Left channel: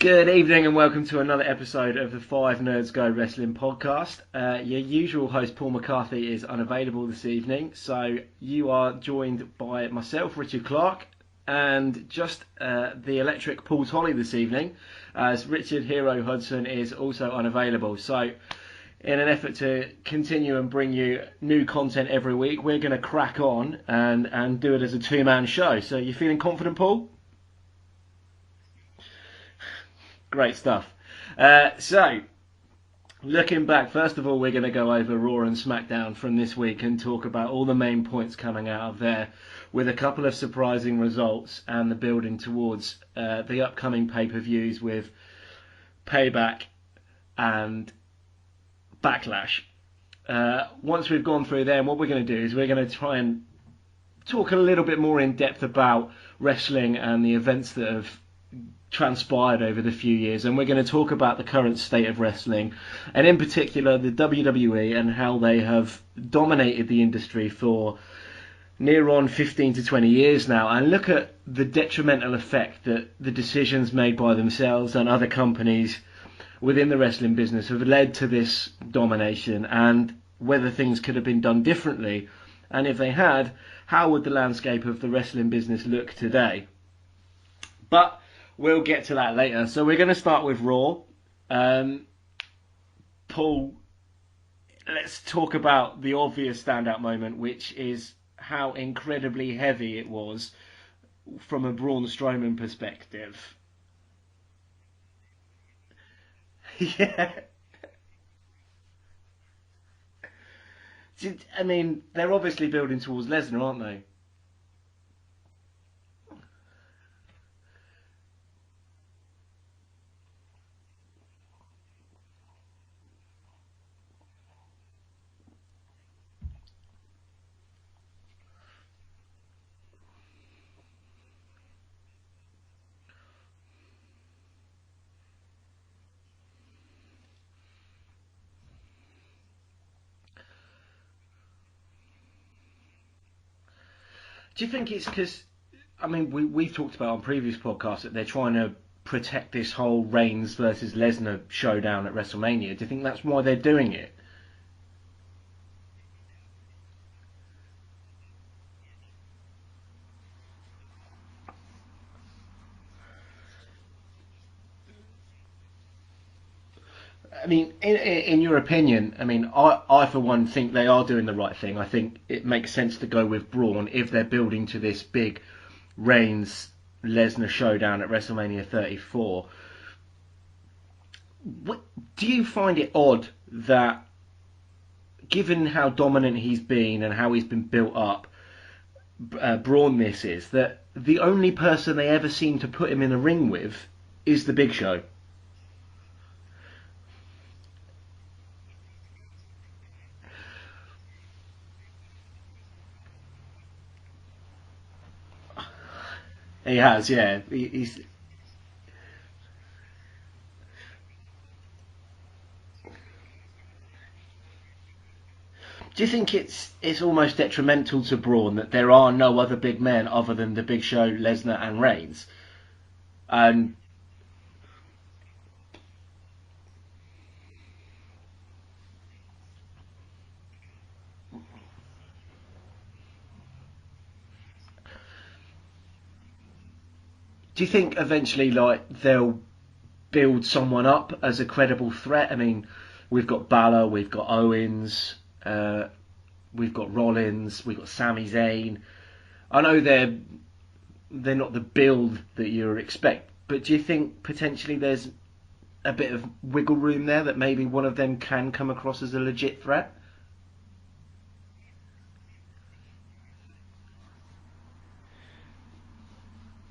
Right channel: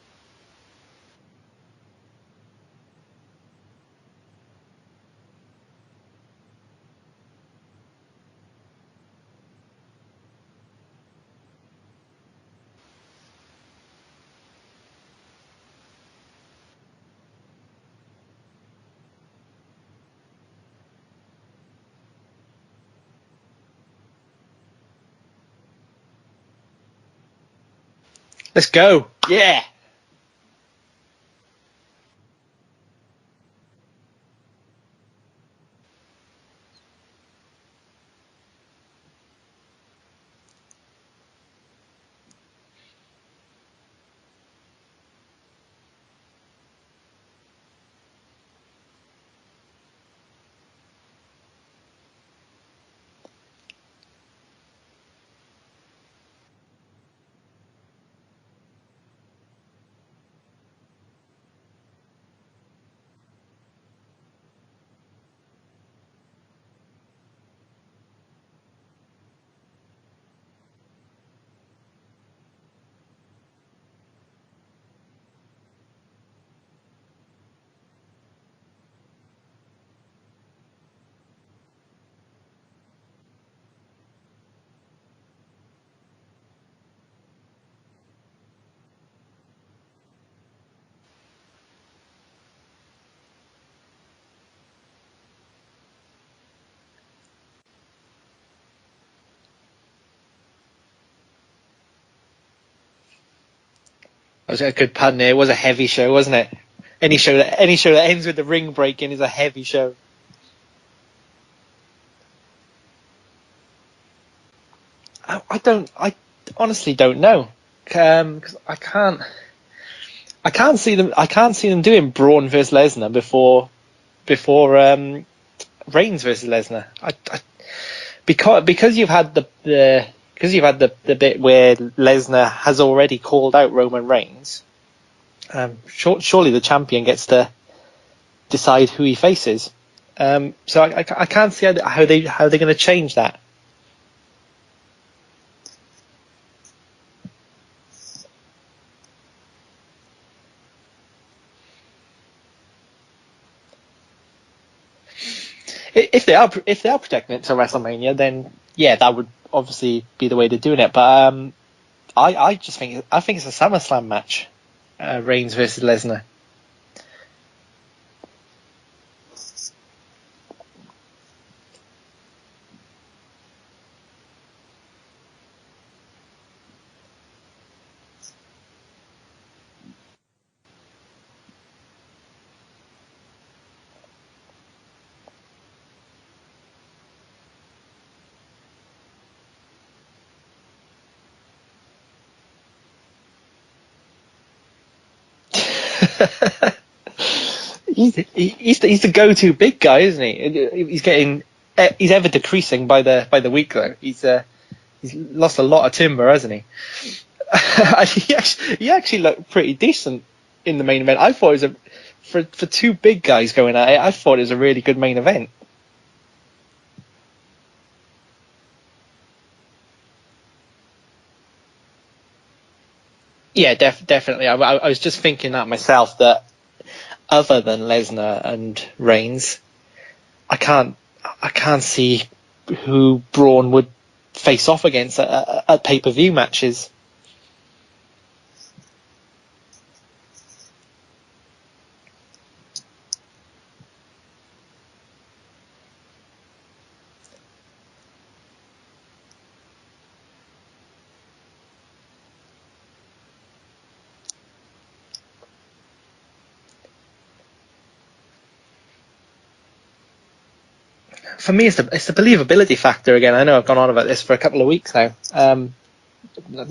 Good evening and welcome to another episode of the Five Nerds Go Wrestling podcast. Your usual host Paul McCarthy is unavailable this evening, so you are joined by myself, Richard Clark, and just the electric Paul Tolley this evening, as Richard Hero Hudson is also unavailable. So in an effort to continue and bring you new content every week, we're going to crack on and do it as a two-man show. So you feeling confident, Paul? Let's go. Yeah. Great stuff. So, looking back, first of all, we're going to go over Raw and Smackdown from this week and talk about all the main points coming out of there, with a couple of surprising results and the building towards the upcoming pay-per-views with Payback and Backlash. Once we've gone through them, what we're going to do is we're going to try and talk a little bit more in depth about wrestling and the events that have transpired over the few years, and we're going to talk about the current state of wrestling, and in particular the WWE and how they have dominated the industry for near on 15 to 20 years now, and look at the detrimental effect that the decisions made by themselves and other companies within the wrestling business have led to this domination, and whether things could have been done differently, and if they had, how would the landscape of the wrestling business look today. But we'll get to that later. So we're going to start with Raw. Paul, let's talk about the obvious standout moment, which is how incredibly heavy it was from a Braun Strowman perspective. That was a good pun there. It was a heavy show, wasn't it? Yeah. Any show that ends with the ring breaking is a heavy show. I mean, they're obviously building towards Lesnar, aren't they? I honestly don't know. Because I can't see them doing Braun versus Lesnar before Reigns versus Lesnar. Because you've had the bit where Lesnar has already called out Roman Reigns. Surely the champion gets to decide who he faces. So I can't see how they're going to change that. Do you think it's because? I mean, we've talked about on previous podcasts that they're trying to protect this whole Reigns versus Lesnar showdown at WrestleMania. Do you think that's why they're doing it? If they are protecting it to WrestleMania, then yeah, that would obviously be the way they're doing it. But I think it's a SummerSlam match, Reigns versus Lesnar. I mean, in your opinion, I mean, I for one think they are doing the right thing. I think it makes sense to go with Braun if they're building to this big Reigns Lesnar showdown at WrestleMania 34. Do you find it odd that, given how dominant he's been and how he's been built up, Braun this is, that the only person they ever seem to put him in a ring with is the Big Show? He's the go-to big guy, isn't he? He's ever decreasing by the week though. He's lost a lot of timber, hasn't he? He has, yeah. he actually looked pretty decent in the main event. I thought it was for two big guys going at it. I thought it was a really good main event. Do you think it's almost detrimental to Braun that there are no other big men other than the Big Show, Lesnar, and Reigns? Yeah, definitely. I was just thinking that myself. That other than Lesnar and Reigns, I can't see who Braun would face off against at pay-per-view matches. Do you think eventually they'll build someone up as a credible threat? I mean, we've got Balor, we've got Owens, we've got Rollins, we've got Sami Zayn. I know they're not the build that you expect, but do you think potentially there's a bit of wiggle room there that maybe one of them can come across as a legit threat? For me, it's the believability factor again. I know I've gone on about this for a couple of weeks now.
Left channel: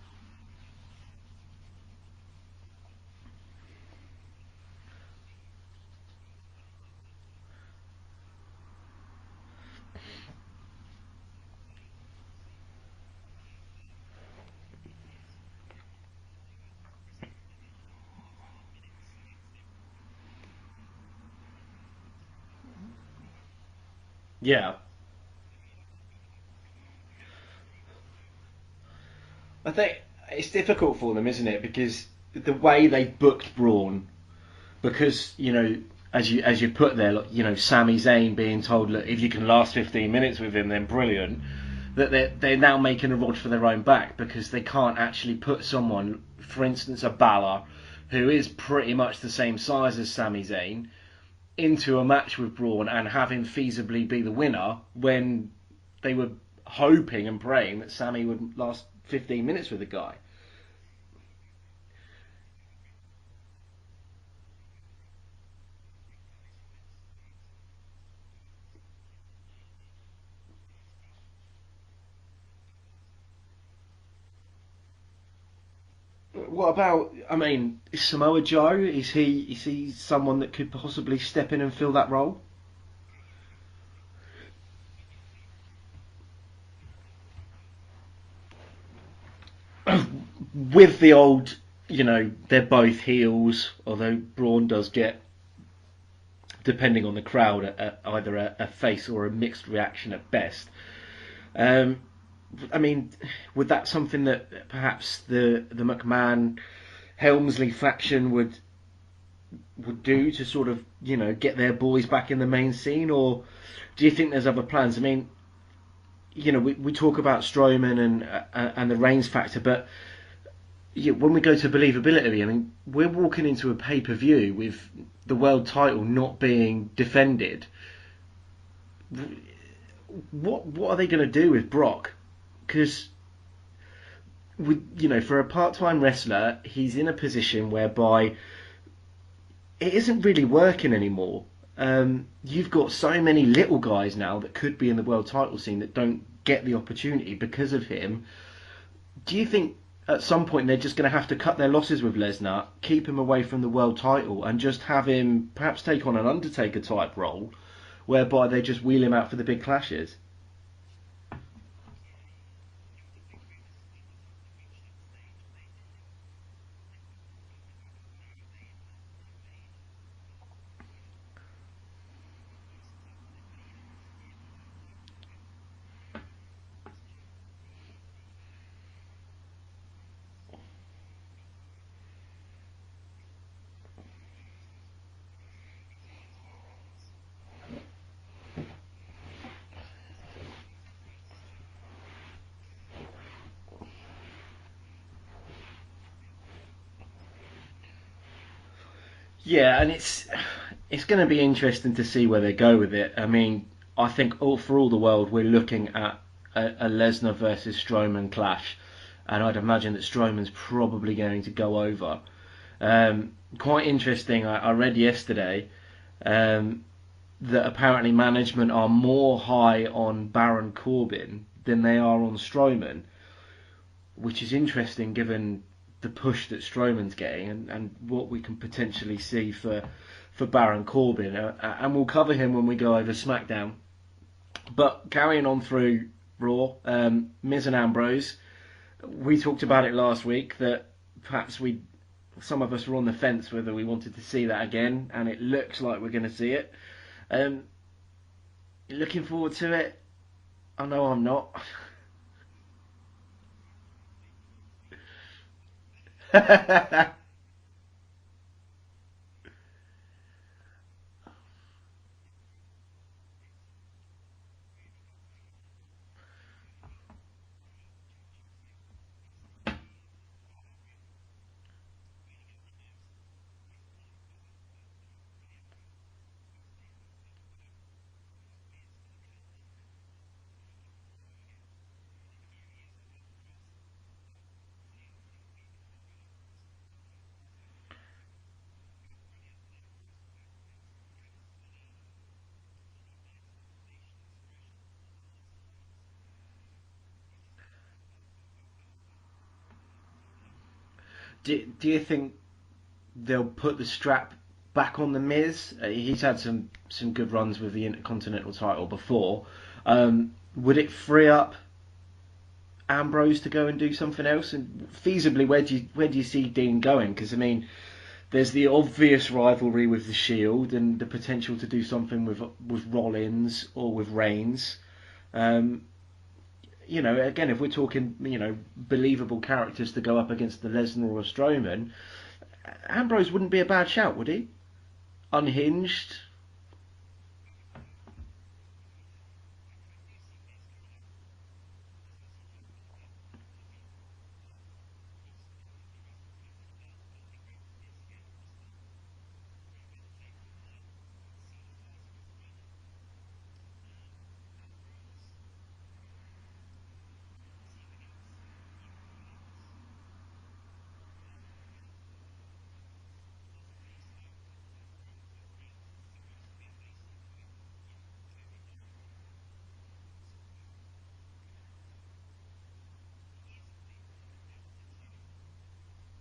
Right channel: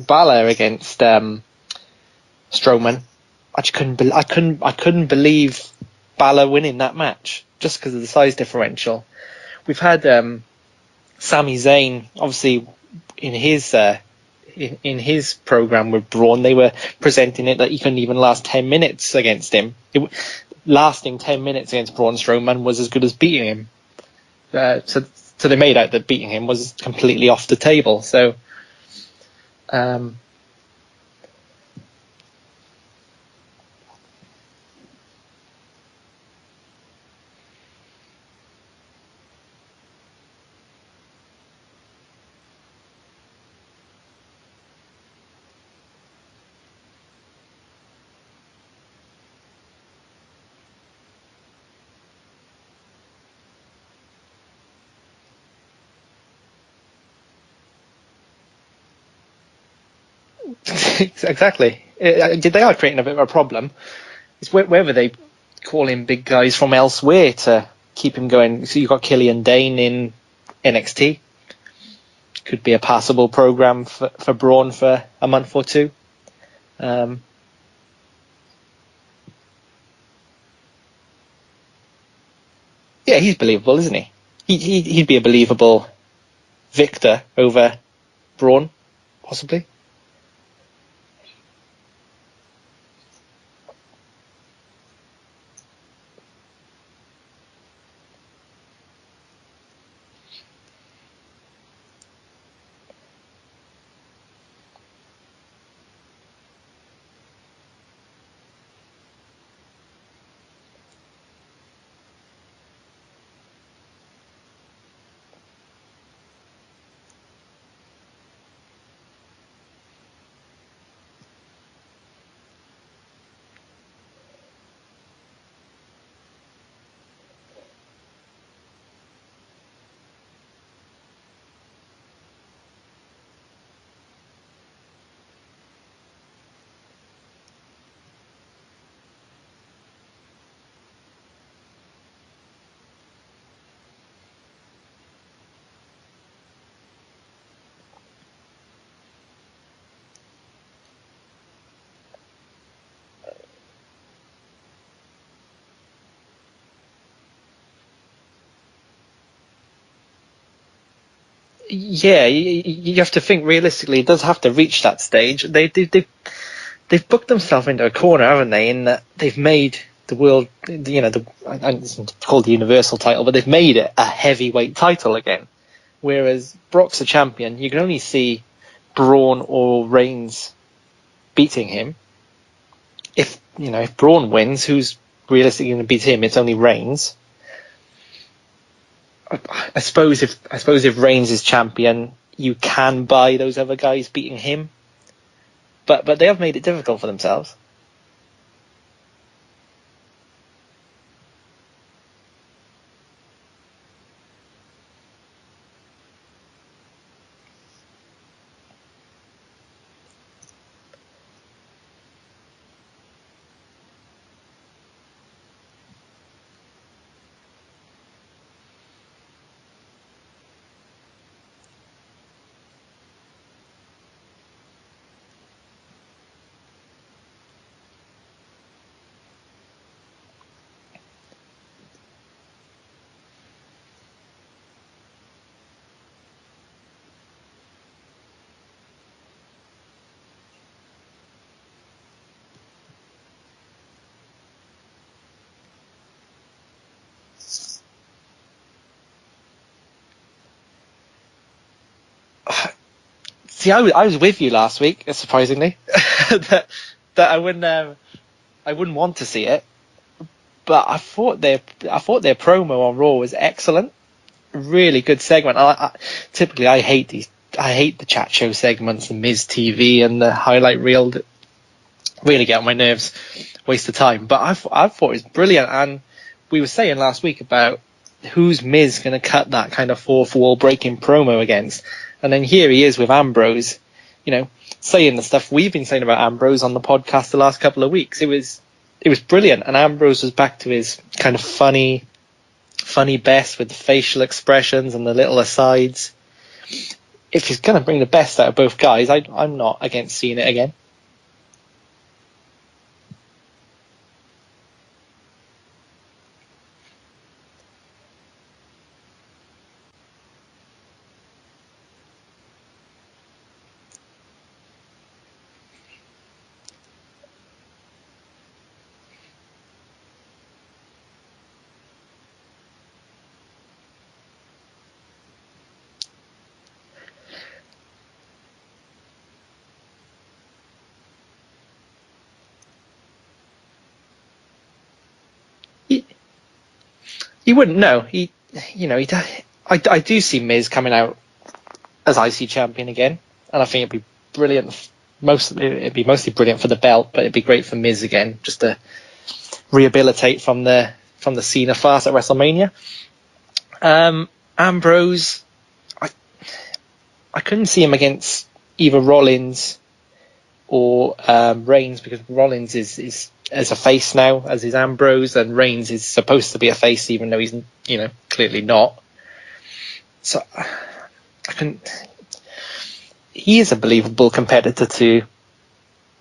Balor against Strowman, I couldn't believe Balor winning that match just because of the size differential. We've had Sami Zayn, obviously in his program with Braun, they were presenting it that he couldn't even last 10 minutes against him. Lasting 10 minutes against Braun Strowman was as good as beating him. Yeah. So they made out that beating him was completely off the table. So it's difficult for them, isn't it? Because the way they booked Braun, because as you put there, Sami Zayn being told, look, if you can last 15 minutes with him, then brilliant. That they're now making a rod for their own back because they can't actually put someone, for instance, a Balor, who is pretty much the same size as Sami Zayn, into a match with Braun and have him feasibly be the winner when they were hoping and praying that Sami would last 15 minutes with the guy. Exactly. They are creating a bit of a problem. It's whether they call in big guys from elsewhere to keep him going. So you've got Killian Dane in NXT. Could be a passable program for Braun for a month or two. What about? Is Samoa Joe? Is he someone that could possibly step in and fill that role? Yeah, he's believable, isn't he? He'd be a believable victor over Braun, possibly. With the old, they're both heels, although Braun does get, depending on the crowd, either a face or a mixed reaction at best. Would that something that perhaps the McMahon Helmsley faction would do to sort of get their boys back in the main scene, or do you think there's other plans? We talk about Strowman and the Reigns factor, but when we go to believability, we're walking into a pay-per-view with the world title not being defended. What are they going to do with Brock? Because for a part-time wrestler, he's in a position whereby it isn't really working anymore. You've got so many little guys now that could be in the world title scene that don't get the opportunity because of him. Do you think at some point they're just going to have to cut their losses with Lesnar, keep him away from the world title, and just have him perhaps take on an Undertaker type role, whereby they just wheel him out for the big clashes? Yeah, you have to think realistically. It does have to reach that stage. They've booked themselves into a corner, haven't they? In that they've made the world, it's called the Universal title, but they've made it a heavyweight title again. Whereas Brock's a champion, you can only see Braun or Reigns beating him. If Braun wins, who's realistically going to beat him? It's only Reigns. I suppose if Reigns is champion, you can buy those other guys beating him. But they have made it difficult for themselves. Yeah, and it's going to be interesting to see where they go with it. I think for all the world, we're looking at a Lesnar versus Strowman clash, and I'd imagine that Strowman's probably going to go over. Quite interesting. I read yesterday that apparently management are more high on Baron Corbin than they are on Strowman, which is interesting given the push that Strowman's getting and what we can potentially see for Baron Corbin. And we'll cover him when we go over SmackDown. But carrying on through Raw, Miz and Ambrose, we talked about it last week that perhaps some of us were on the fence whether we wanted to see that again, and it looks like we're going to see it. Looking forward to it. I know I'm not. See, I was with you last week, surprisingly, that I wouldn't want to see it, but I thought their promo on Raw was excellent. Really good segment. Typically, I hate the chat show segments, the Miz TV and the highlight reel that really get on my nerves, waste of time. But I thought it was brilliant, and we were saying last week about who's Miz going to cut that kind of fourth wall breaking promo against. And then here he is with Ambrose, saying the stuff we've been saying about Ambrose on the podcast the last couple of weeks. It was brilliant, and Ambrose was back to his kind of funny best with the facial expressions and the little asides. If he's going to bring the best out of both guys, I'm not against seeing it again. Do you think they'll put the strap back on the Miz? He's had some good runs with the Intercontinental title before. Would it free up Ambrose to go and do something else? And feasibly, where do you see Dean going? Because there's the obvious rivalry with the Shield and the potential to do something with Rollins or with Reigns. Again, if we're talking, believable characters to go up against the Lesnar or Strowman, Ambrose wouldn't be a bad shout, would he? Unhinged. He wouldn't know. I do see Miz coming out as IC champion again, and I think it'd be brilliant. It'd be mostly brilliant for the belt, but it'd be great for Miz again, just to rehabilitate from the Cena farce at WrestleMania. Ambrose, I couldn't see him against either Rollins or Reigns, because Rollins is as a face now as is Ambrose, and Reigns is supposed to be a face even though he's clearly not. So I couldn't. He is a believable competitor to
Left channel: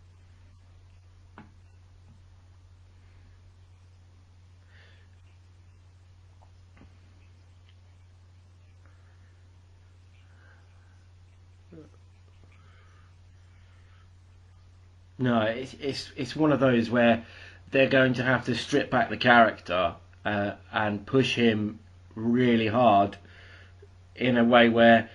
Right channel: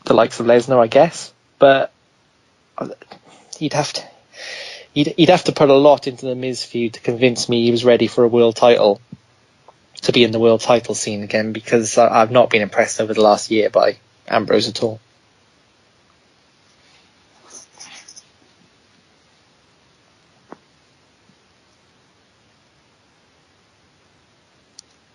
the likes of Lesnar, I guess, but he'd have to put a lot into the Miz feud to convince me he was ready for a world title, to be in the world title scene again, because I've not been impressed over the last year by Ambrose at all. No, it's one of those where they're going to have to strip back the character and push him really hard in a way where,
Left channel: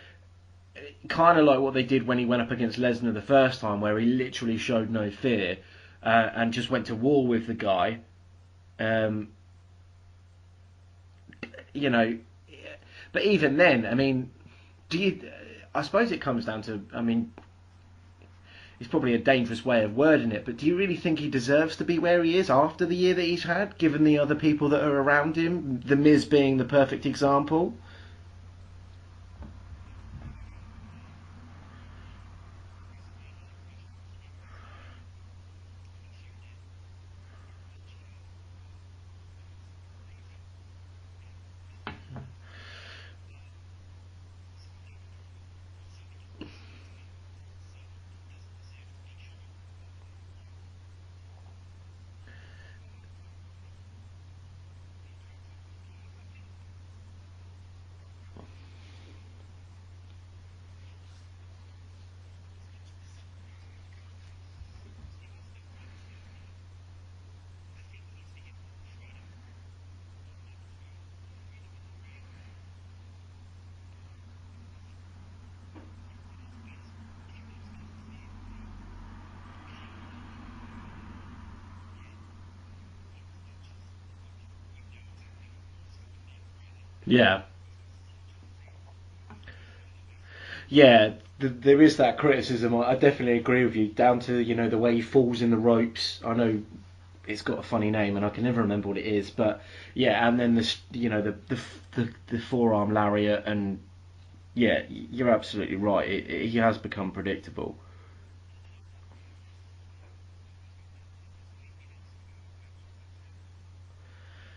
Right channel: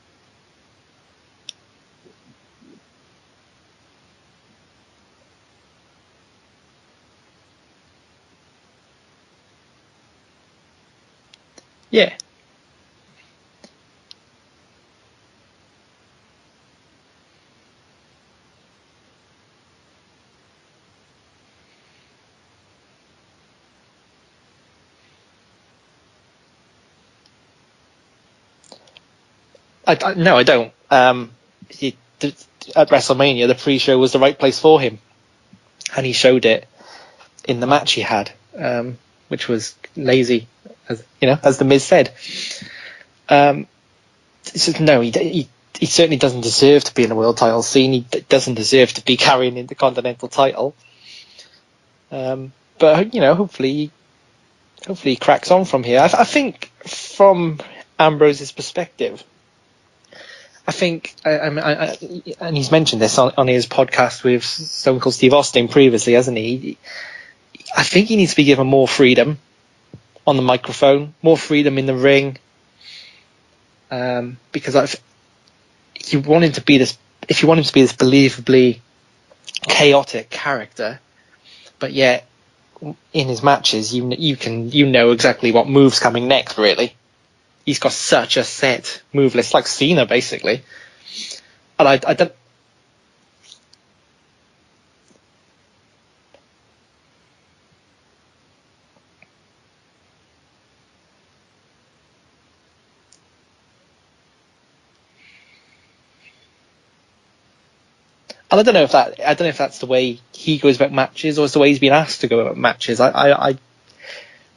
kind of like what they did when he went up against Lesnar the first time, where he literally showed no fear and just went to war with the guy. Yeah. But even then, I mean, I suppose it comes down to, I mean, it's probably a dangerous way of wording it, but do you really think he deserves to be where he is after the year that he's had, given the other people that are around him, The Miz being the perfect example? No, I don't. At WrestleMania, the pre-show was the right place for him, and he showed it in the match he had, which was lazy, as the Miz said. No, he certainly doesn't deserve to be in the world title scene. He doesn't deserve to be carrying in the Continental title. But hopefully he cracks on from here. I think from Ambrose's perspective, I think, and he's mentioned this on his podcast with Stone Cold Steve Austin previously, hasn't he? I think he needs to be given more freedom on the microphone, more freedom in the ring, because if you want him to be this believably chaotic character, but yet in his matches, you know exactly what move's coming next. Really, yeah. He's got such a set move list, like Cena, basically. Yeah, there is that criticism. I definitely agree with you. Down to the way he falls in the ropes. I know it's got a funny name, and I can never remember what it is. But yeah, and then the forearm lariat, and yeah, you're absolutely right. He has become predictable. And I don't know if that's the way he goes about matches, or it's the way he's been asked to go about matches. I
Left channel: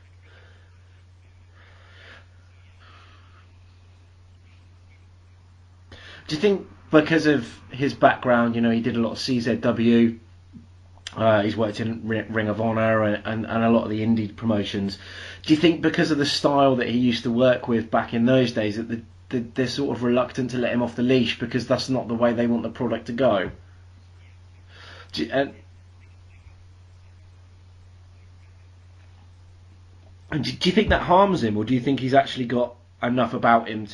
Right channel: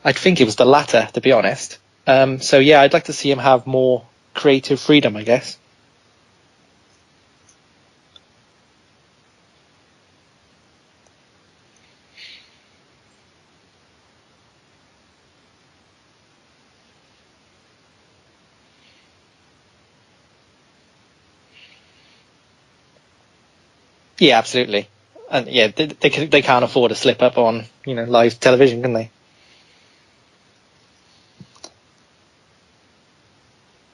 think it was the latter, to be honest. So yeah, I'd like to see him have more creative freedom, I guess. Do you think because of his background, he did a lot of CZW, he's worked in Ring of Honor and a lot of the indie promotions. Do you think because of the style that he used to work with back in those days that they're sort of reluctant to let him off the leash because that's not the way they want the product to go? Yeah, absolutely. They can't afford a slip up on live television, can they? And do you think that harms him, or do you think he's actually got enough about him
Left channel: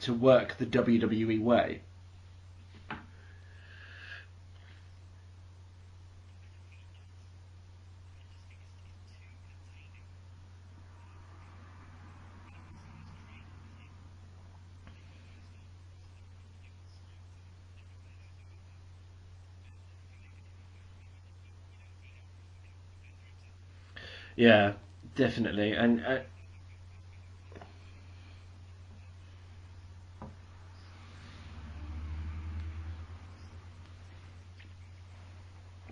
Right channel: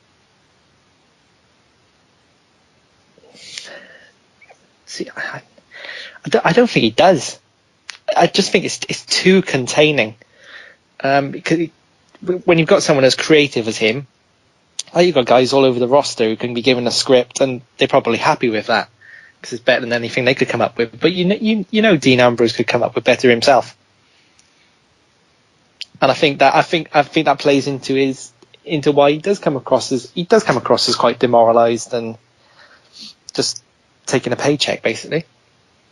to work the WWE way? See, I don't think he does. I just think it's too containing. Because when you've got someone as creative as him, you've got guys all over the roster who can be given a script and they're probably happy with that because it's better than anything they could come up with. But Dean Ambrose could come up with better himself. Yeah. Definitely, and I think that plays into why he does come across as quite demoralised and just taking a paycheck, basically.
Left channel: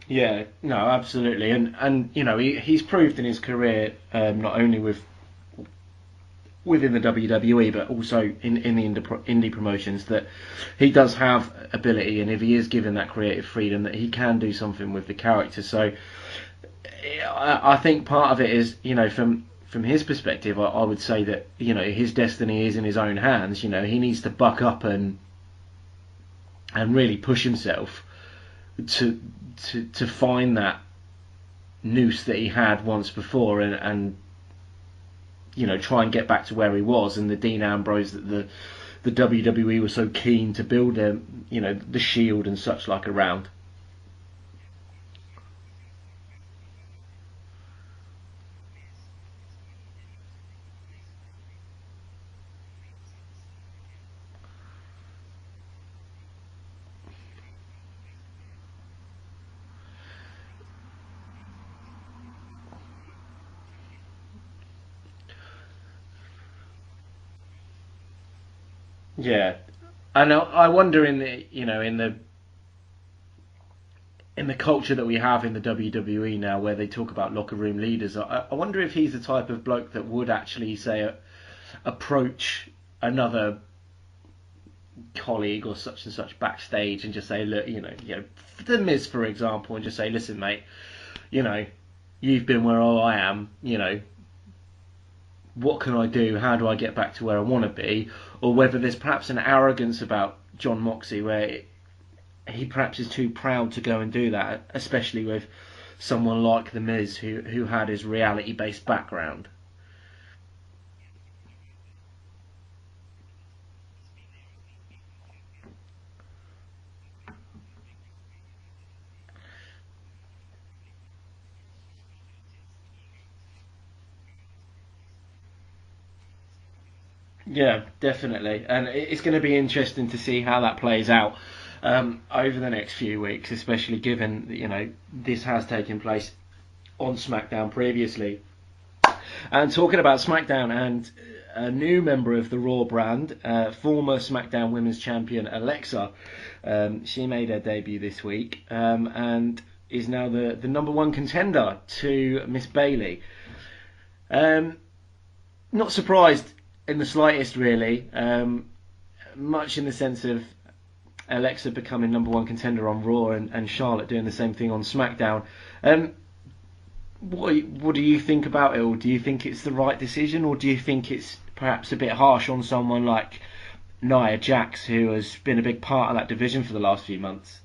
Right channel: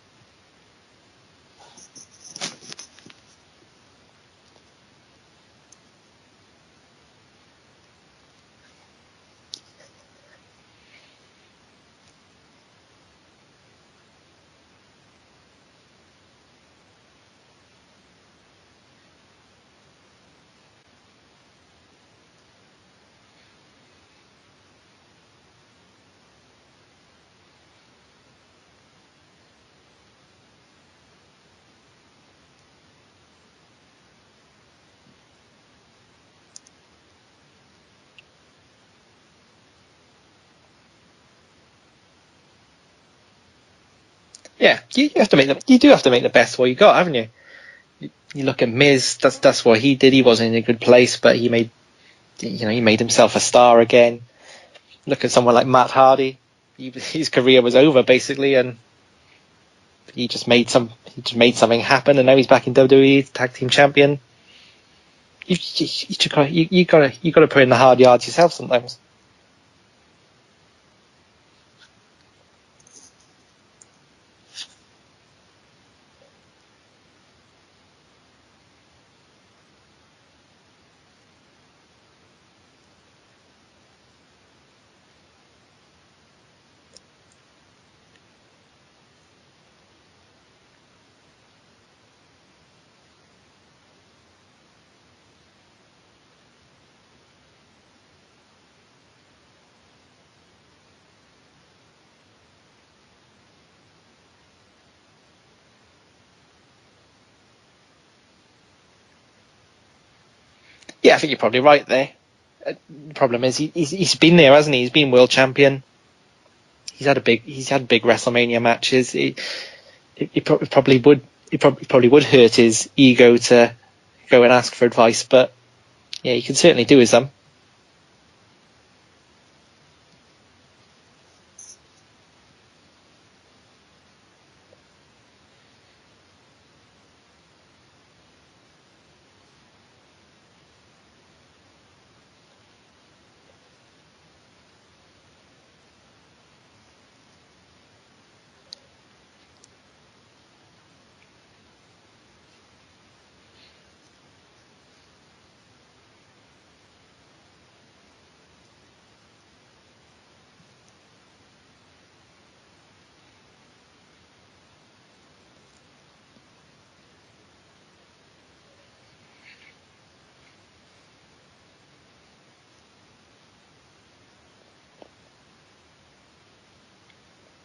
Yeah, no, absolutely, and he's proved in his career, not only within the WWE but also in the indie promotions, that he does have ability, and if he is given that creative freedom, that he can do something with the character. So I think part of it is, from his perspective, I would say that, his destiny is in his own hands. He needs to buck up and really push himself to find that noose that he had once before and try and get back to where he was, and the Dean Ambrose that the WWE was so keen to build the Shield and such like around. Yeah, you have to make the, you do have to make the best of what you got, haven't you? You look at Miz. That's what he did. He wasn't in a good place, but he made himself a star again. Look at someone like Matt Hardy. His career was over basically, and he just made something happen, and now he's back in WWE, tag team champion. You gotta put in the hard yards yourself sometimes. Yeah, and I wonder in the culture that we have in the WWE now, where they talk about locker room leaders, I wonder if he's the type of bloke that would actually say approach another colleague or such and such backstage and just say, look, the Miz, for example, and just say, listen, mate, you've been where I am, what can I do? How do I get back to where I want to be? Or whether there's perhaps an arrogance about John Moxley where he perhaps is too proud to go and do that, especially with someone like The Miz who had his reality-based background. Yeah, I think you're probably right there. The problem is he's been there, hasn't he? He's been world champion. He's had big WrestleMania matches. It probably would hurt his ego to go and ask for advice, but yeah, he can certainly do his some. Yeah, definitely, and it's going to be interesting to see how that plays out over the next few weeks, especially given that, this has taken place on SmackDown previously. And talking about SmackDown and a new member of the Raw brand, former SmackDown Women's Champion Alexa, she made her debut this week and is now the number one contender to Miss Bayley. Not surprised in the slightest, really. Much in the sense of Alexa becoming number one contender on Raw and Charlotte doing the same thing on SmackDown. What do you think about it all? Do you think it's the right decision, or do you think it's perhaps a bit harsh on someone like Nia Jax, who has been a big part of that division for the last few months?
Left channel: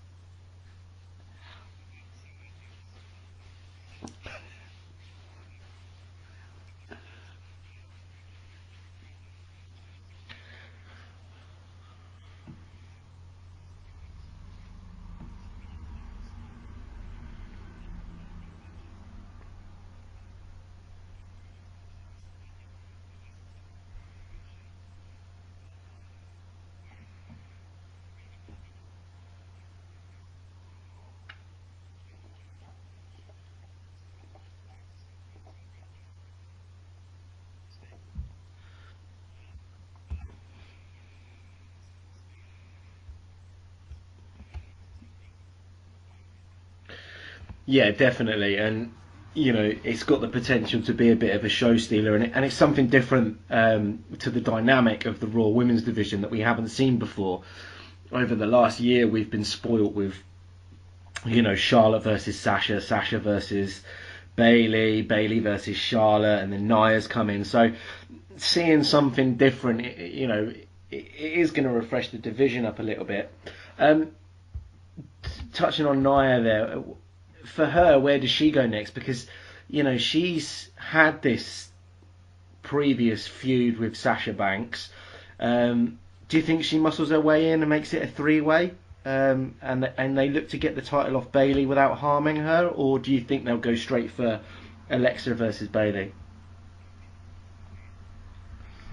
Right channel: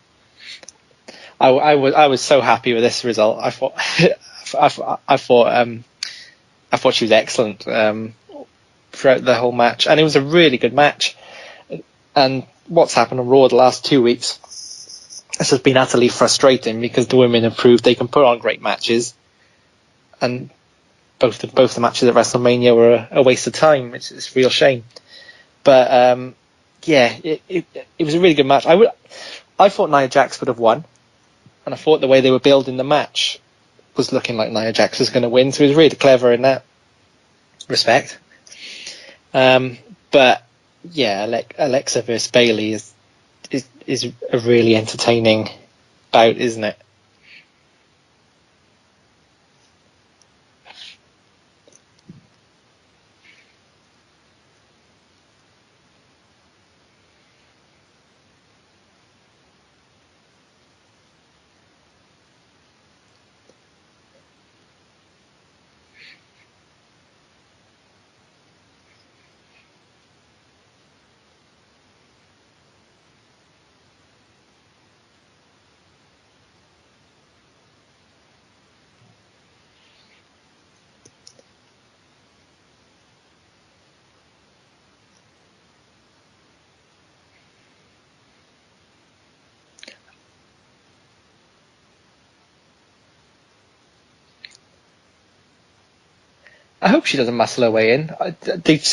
I was so happy with this result. I thought she was excellent throughout the whole match, and it was a really good match. And what's happened on Raw the last 2 weeks, this has been utterly frustrating because the women have proved they can put on great matches, and both the matches at WrestleMania were a waste of time. It's a real shame. But it was a really good match. I thought Nia Jax would have won, and I thought the way they were building the match was looking like Nia Jax was going to win, so it was really clever in that respect. But yeah, Alexa versus Bayley is a really entertaining bout, isn't it? Yeah, definitely, and it's got the potential to be a bit of a show stealer, and it's something different to the dynamic of the Raw Women's division that we haven't seen before. Over the last year, we've been spoilt with Charlotte versus Sasha, Sasha versus Bayley, Bayley versus Charlotte, and then Nia's come in. So seeing something different, it is going to refresh the division up a little bit. Touching on Nia there, for her, where does she go next? Because she's had this previous feud with Sasha Banks. Do you think she muscles her way in and makes it a three-way? And they look to get the title off Bayley without harming her, or do you think they'll go straight for Alexa versus Bayley? I hope she doesn't muscle her way in. They've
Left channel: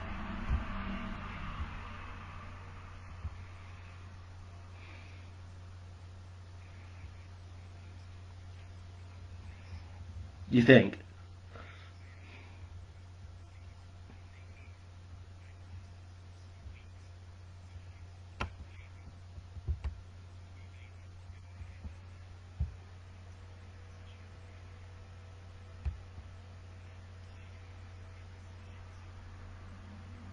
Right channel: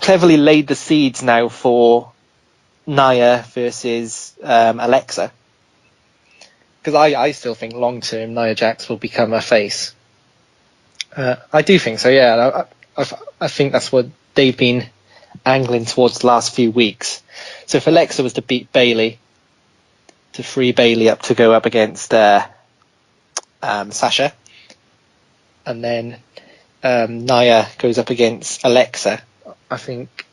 cleverly laid the seeds now for Nia versus Alexa, because I still think long term Nia Jax will become a face. You think? I do think so. Yeah, I think that's what they've been angling towards the last few weeks. So if Alexa was to beat Bayley, to free Bayley up to go up against Sasha, and then Nia goes up against Alexa, I think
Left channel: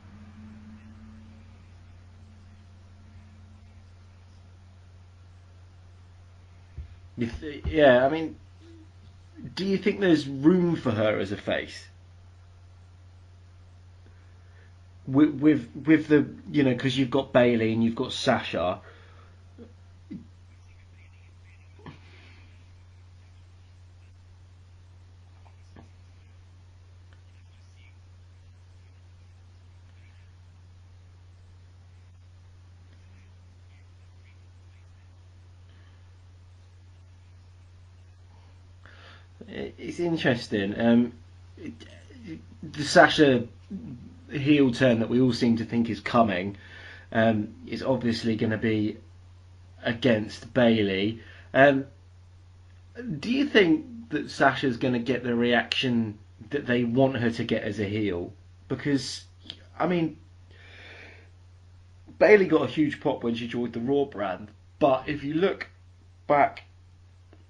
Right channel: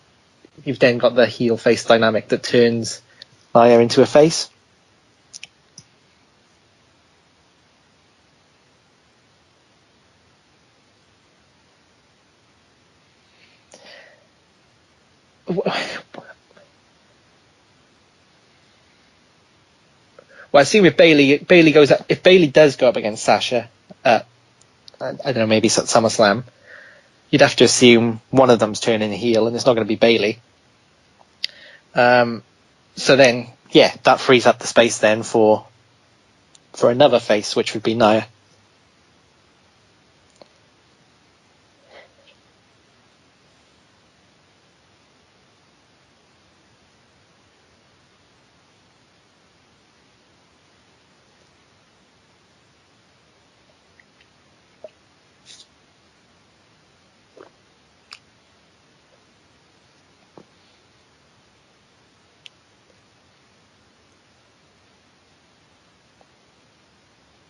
you've then got the heel face dynamic that turns Nia into a face. Yeah, I mean, do you think there's room for her as a face? With the because you've got Bayley and you've got Sasha. Well, I see with Bayley goes up, if Bayley does go up against Sasha, I don't know, maybe at SummerSlam, you'd have to assume one of them's turning heel, and it's not going to be Bayley. So then, yeah, that frees up the space then for for another face, which would be Nia. It's interesting. The Sasha heel turn that we all seem to think is coming is obviously going to be against Bayley. Do you think that Sasha's going to get the reaction that they want her to get as a heel? Because, I mean, Bayley got a huge pop when she joined the Raw brand, but if you look back,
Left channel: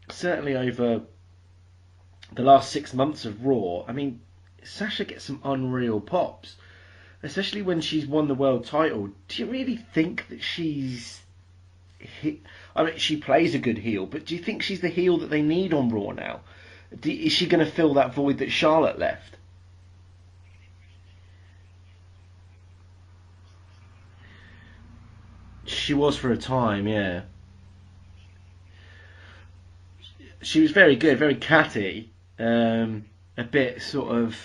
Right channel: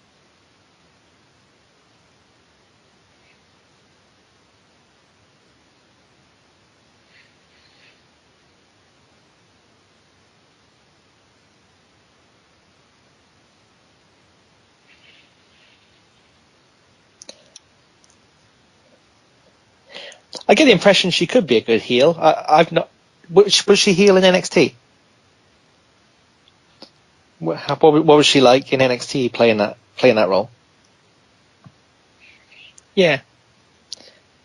certainly over the last 6 months of Raw, I mean, Sasha gets some unreal pops, especially when she's won the world title. Do you really think that she's I mean, she plays a good heel, but do you think she's the heel that they need on Raw now? Is she going to fill that void that Charlotte left? I get the impression she could be a good heel. I've not. Was she heel in NXT? She was for a time, yeah. What was she like in NXT playing that role? She was very good, very catty. Yeah. A bit sort of,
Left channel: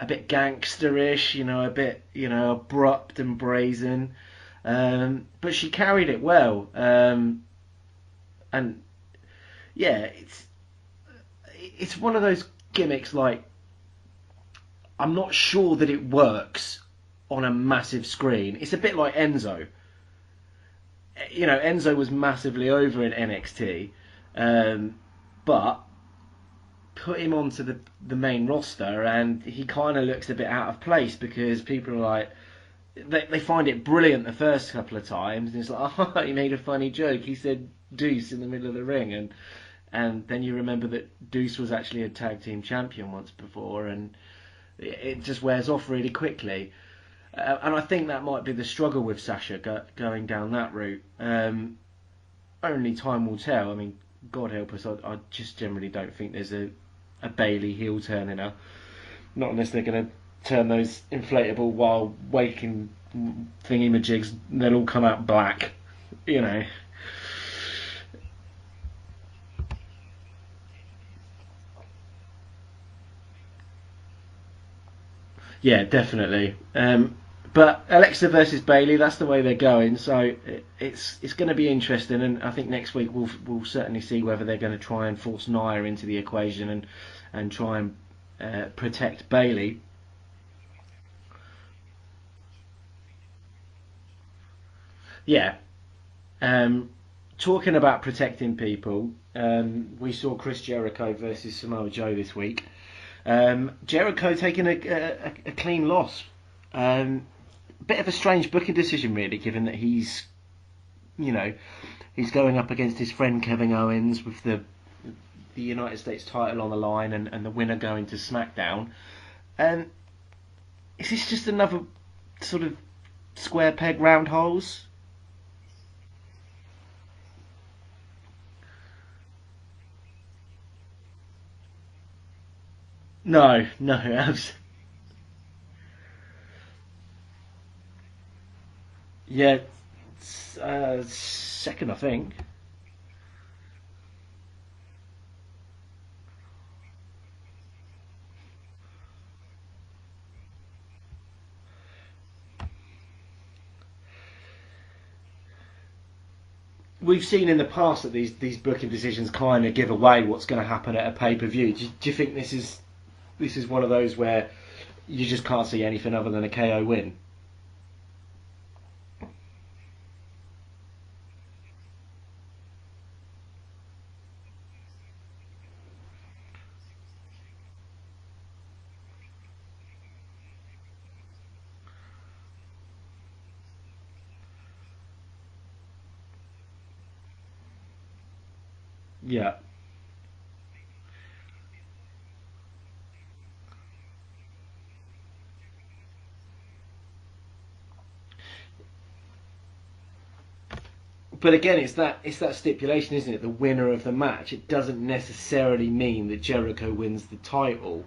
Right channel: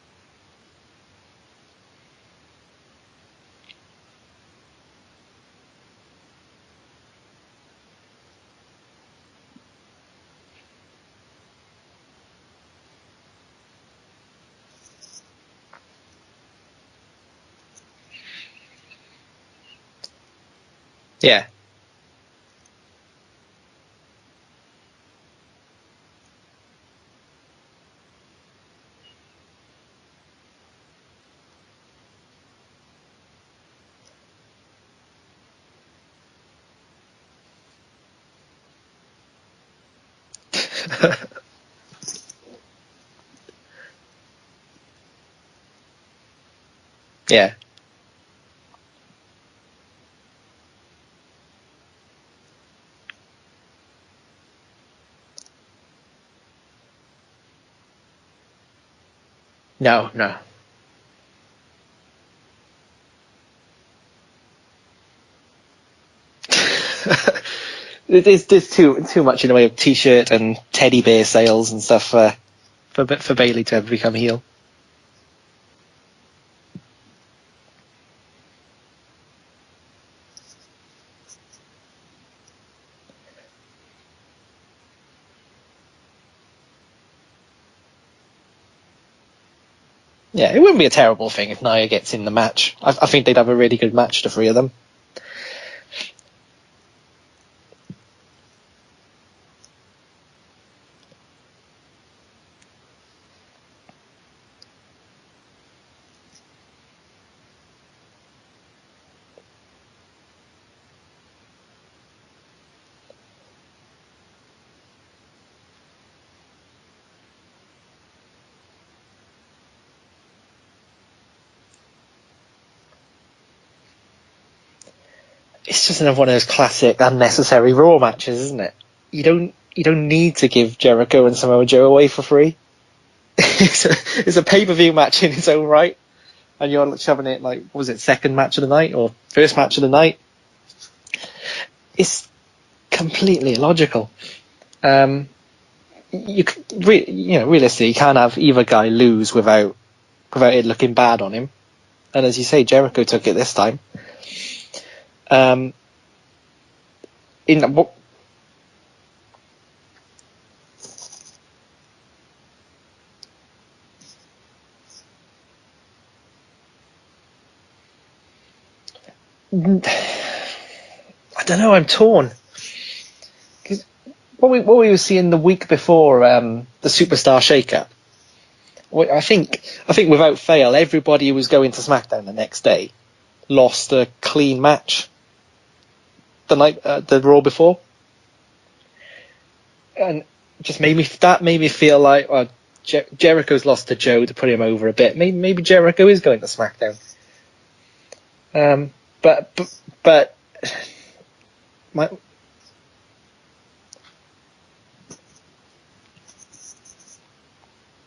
a bit gangsterish, a bit, abrupt and brazen. But she carried it well. And yeah, it's one of those gimmicks like, I'm not sure that it works on a massive screen. It's a bit like Enzo. Yeah. Enzo was massively over in NXT, but put him onto the main roster and he kind of looks a bit out of place because people are like, they find it brilliant the first couple of times, and it's like, oh, he made a funny joke. He said Deuce in the middle of the ring, and then you remember that Deuce was actually a tag team champion once before, and it just wears off really quickly. Yeah. And I think that might be the struggle with Sasha going down that route. Only time will tell. I mean, God help us, I just generally don't think there's a Bayley heel turn in her. Not unless they turn those inflatable while waking thingy-majigs, they'll all come out black. There's too much in the way of T-shirt and teddy bear sales and stuff for Bayley to ever become a heel. Yeah, definitely. But Alexa versus Bayley, that's the way they're going. So it's going to be interesting, and I think next week we'll certainly see whether they're going to try and force Nia into the equation and try and protect Bayley. Yeah, it wouldn't be a terrible thing if Nia gets in the match. I think they'd have a really good match, the three of them. Yeah. Talking about protecting people, we saw Chris Jericho versus Samoa Joe this week. Jericho taking a clean loss. Bit of a strange booking decision, really, given that he's going up against his friend Kevin Owens with the United States title on the line and the winner going to SmackDown. Is this just another sort of square peg round holes? It's just another one of those classic unnecessary Raw matches, isn't it? You don't need to give Jericho and Samoa Joe away for free. No, it's a pay-per-view match in its own right, and you're shoving it like, what was it, second match of the night or first match of the night? Second, I it's think. Completely illogical. Realistically, you can't have either guy lose without it looking bad on him. And as you say, Jericho took it this time. We've seen in the past that these booking decisions kind of give away what's going to happen at a pay-per-view. Do you think this is one of those where you just can't see anything other than a KO win? I don't know. I'm torn. Cause what we were seeing the week before the Superstar Shake-Up, I think without fail, everybody who was going to SmackDown the next day lost a clean match the night the Raw before. Yeah, and just made me feel like Jericho's lost to Joe to put him over a bit. Maybe Jericho is going to SmackDown. But again, it's that stipulation, isn't it? The winner of the match. It doesn't necessarily mean that Jericho wins the title.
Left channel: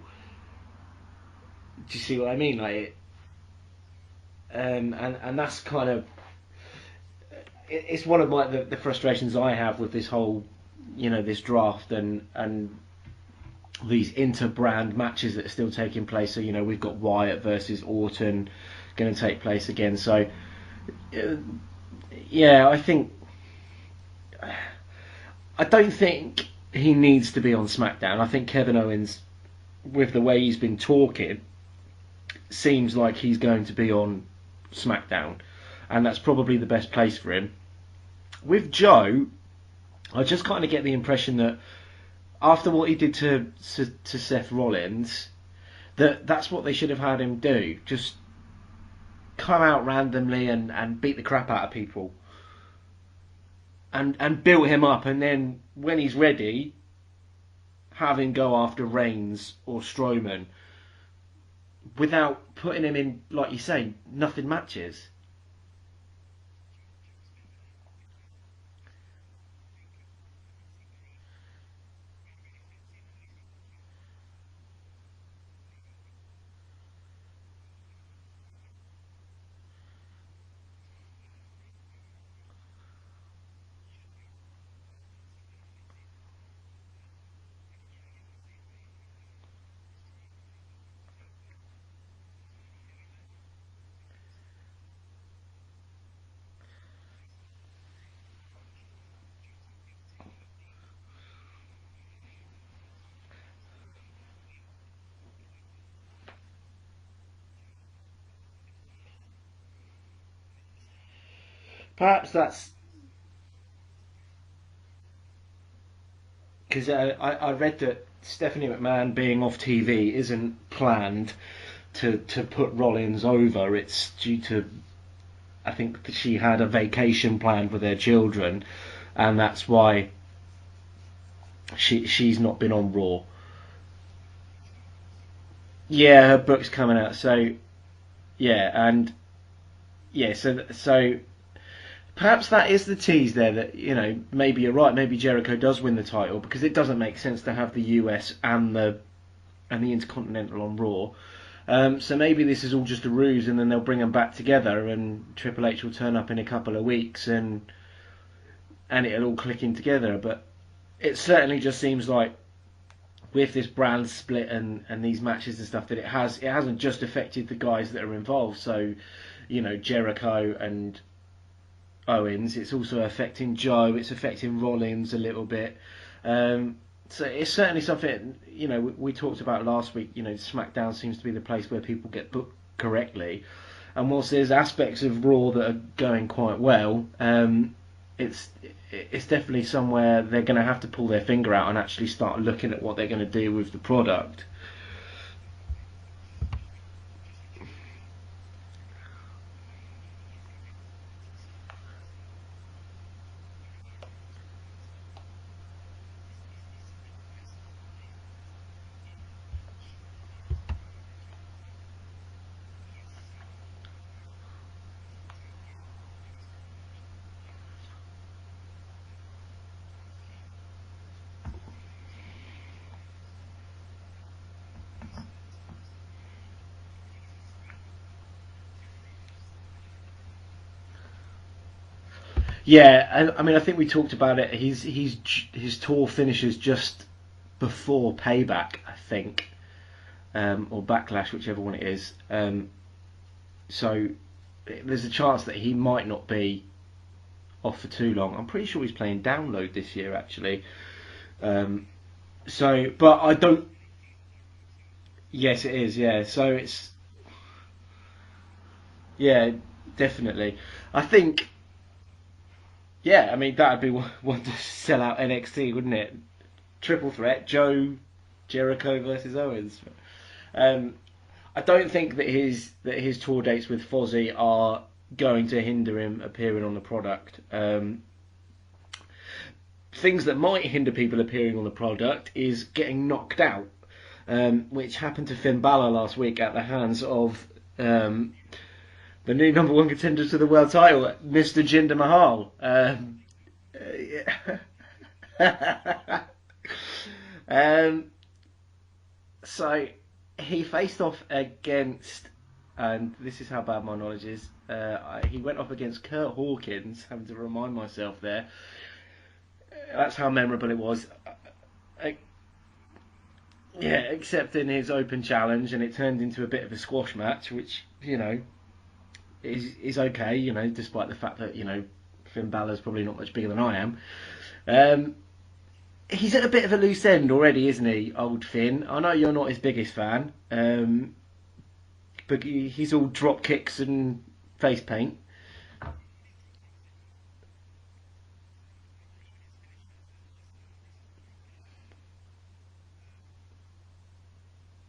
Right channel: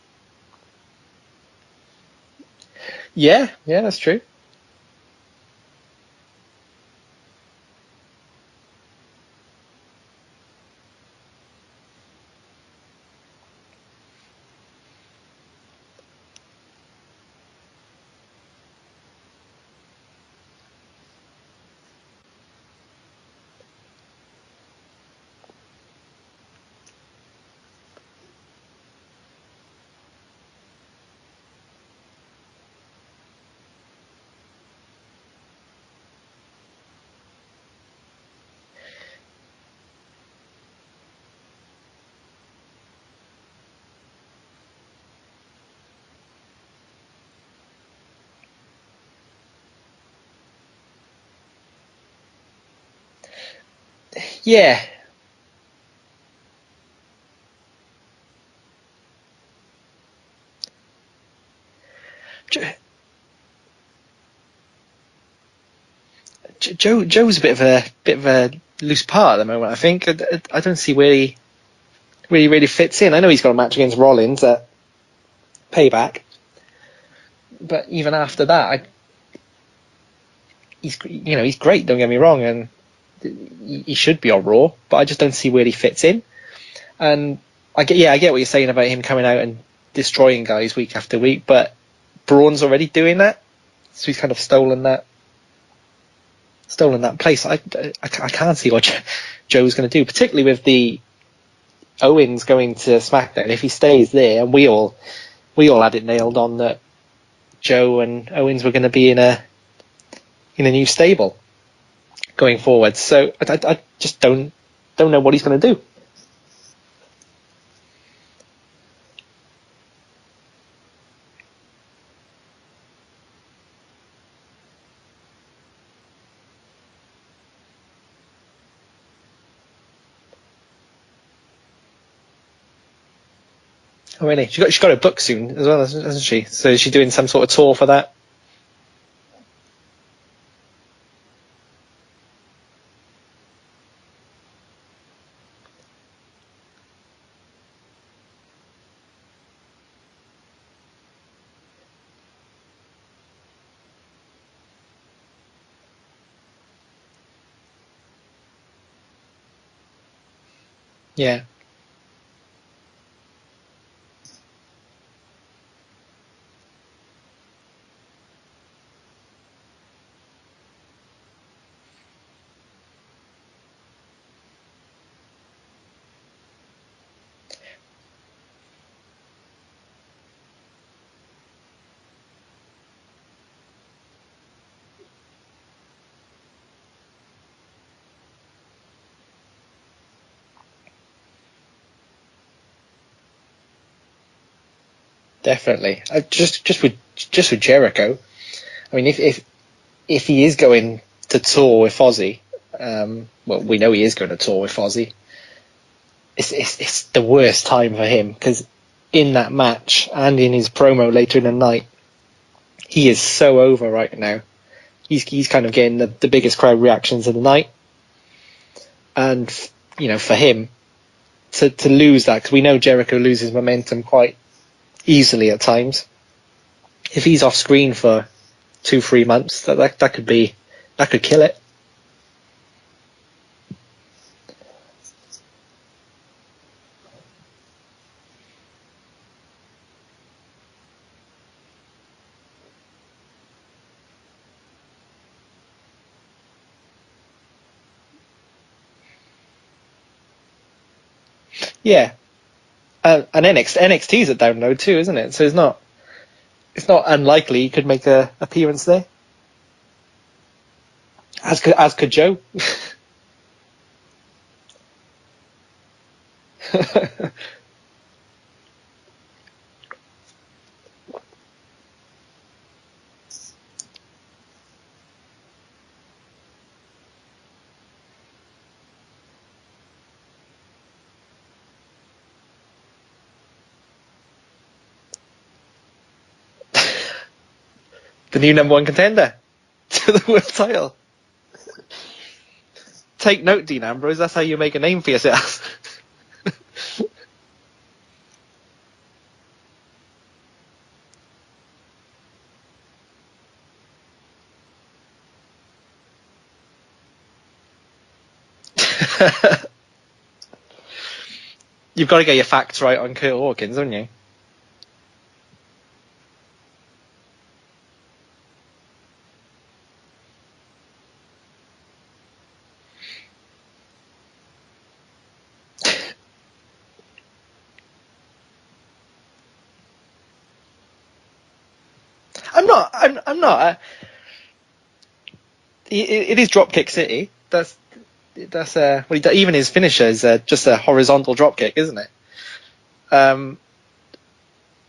Do you see what I mean? Yeah, that's true. And that's kind of, it's one of the frustrations I have with this whole, this draft and these inter-brand matches that are still taking place. So we've got Wyatt versus Orton going to take place again. So yeah, I think I don't think he needs to be on SmackDown. I think Kevin Owens, with the way he's been talking, seems like he's going to be on SmackDown, and that's probably the best place for him. With Joe, I just kind of get the impression that after what he did to Seth Rollins, that's what they should have had him do. Just come out randomly and beat the crap out of people. And build him up, and then when he's ready, have him go after Reigns or Strowman without putting him in, like you say, nothing matches. Joe's a bit of a loose part at the moment. I think I don't see where he really fits in. I know he's got a match against Rollins at Payback, but even after that, he's great. Don't get me wrong, and he should be on Raw, but I just don't see where he fits in. And I get what you're saying about him coming out and destroying guys week after week, but Braun's already doing that, so he's kind of stolen that place. I can't see what Joe's going to do, particularly with the Owens going to SmackDown. If he stays there, and we all had it nailed on that Joe and Owens were going to be in a new stable going forward. So I just don't know what he's going to do. Because I read that Stephanie McMahon being off TV isn't planned to put Rollins over. It's due to, I think that she had a vacation planned with their children, and that's why she's not been on Raw. Oh really? She's got a book soon as well, isn't she? So is she doing some sort of tour for that? Yeah, and so perhaps that is the tease there, that maybe you're right. Maybe Jericho does win the title, because it doesn't make sense to have the US and the Intercontinental on Raw. So maybe this is all just a ruse, and then they'll bring them back together, and Triple H will turn up in a couple of weeks, and it'll all click in together. But it certainly just seems like, with this brand split and these matches and stuff, that it hasn't just affected the guys that are involved. So, Jericho and Owens, it's also affecting Joe, it's affecting Rollins a little bit. So it's certainly something, we talked about last week. SmackDown seems to be the place where people get booked correctly, and whilst there's aspects of Raw that are going quite well, it's definitely somewhere they're going to have to pull their finger out and actually start looking at what they're going to do with the product. Definitely. Just with Jericho, I mean, if he is going to tour with Fozzy, well, we know he is going to tour with Fozzy. It's the worst time for him, because in that match and in his promo later in the night, he is so over right now. He's kind of getting the biggest crowd reactions of the night, and for him to lose that, because we know Jericho loses momentum quite easily at times. If he's off screen for 2-3 months, that could kill it. Yeah, I mean, I think we talked about it. His tour finishes just before Payback, I think, or Backlash, whichever one it is. So there's a chance that he might not be off for too long. I'm pretty sure he's playing Download this year, actually. Yeah. So, but and NXT's at Download too, isn't it? So yes, it's not. It is, yeah. So it's not unlikely he could make a appearance there. Yeah, definitely. I think as could Joe. Yeah, I mean, that'd be one to sell out NXT, wouldn't it? Triple threat: Joe, Jericho versus Owens. I don't think that his tour dates with Fozzy are going to hinder him appearing on the product. Things that might hinder people appearing on the product is getting knocked out, which happened to Finn Balor last week at the hands of the new number one contender. The new number one contender for the world title, Mr. Jinder Mahal. Take note, Dean Ambrose. That's how you make a name for yourself. So he faced off against, and this is how bad my knowledge is, he went off against Kurt Hawkins, having to remind myself there. That's how memorable it was. You've got to get your facts right on Kurt Hawkins, haven't you? Yeah, except in his open challenge, and it turned into a bit of a squash match, which, is okay, despite the fact that, Finn Balor's probably not much bigger than I am. he's at a bit of a loose end already, isn't he, old Finn? I know you're not his biggest fan, but I'm not. it's all I'm drop not. kicks and face paint. It is Dropkick City. That's even his finisher is just a horizontal dropkick, isn't it?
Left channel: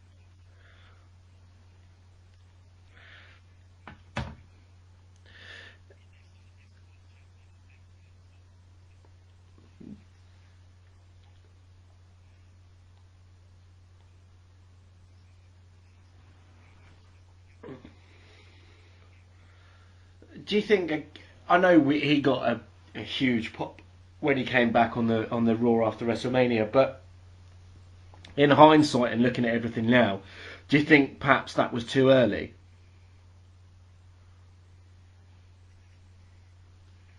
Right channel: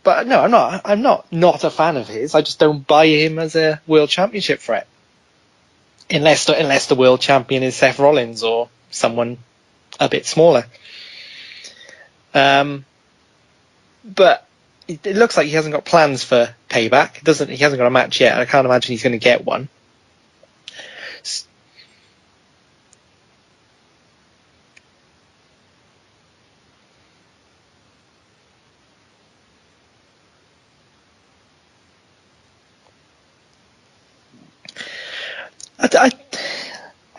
But no, I'm not a fan of his. I just don't buy him as a world championship threat, unless the world champion is Seth Rollins or someone a bit smaller. But it looks like he hasn't got plans for Payback. He hasn't got a match yet. I can't imagine he's going to get one. Do you think? I know he got a huge pop when he came back on the Raw after WrestleMania, but in hindsight and looking at everything now, do you think perhaps that was too early? I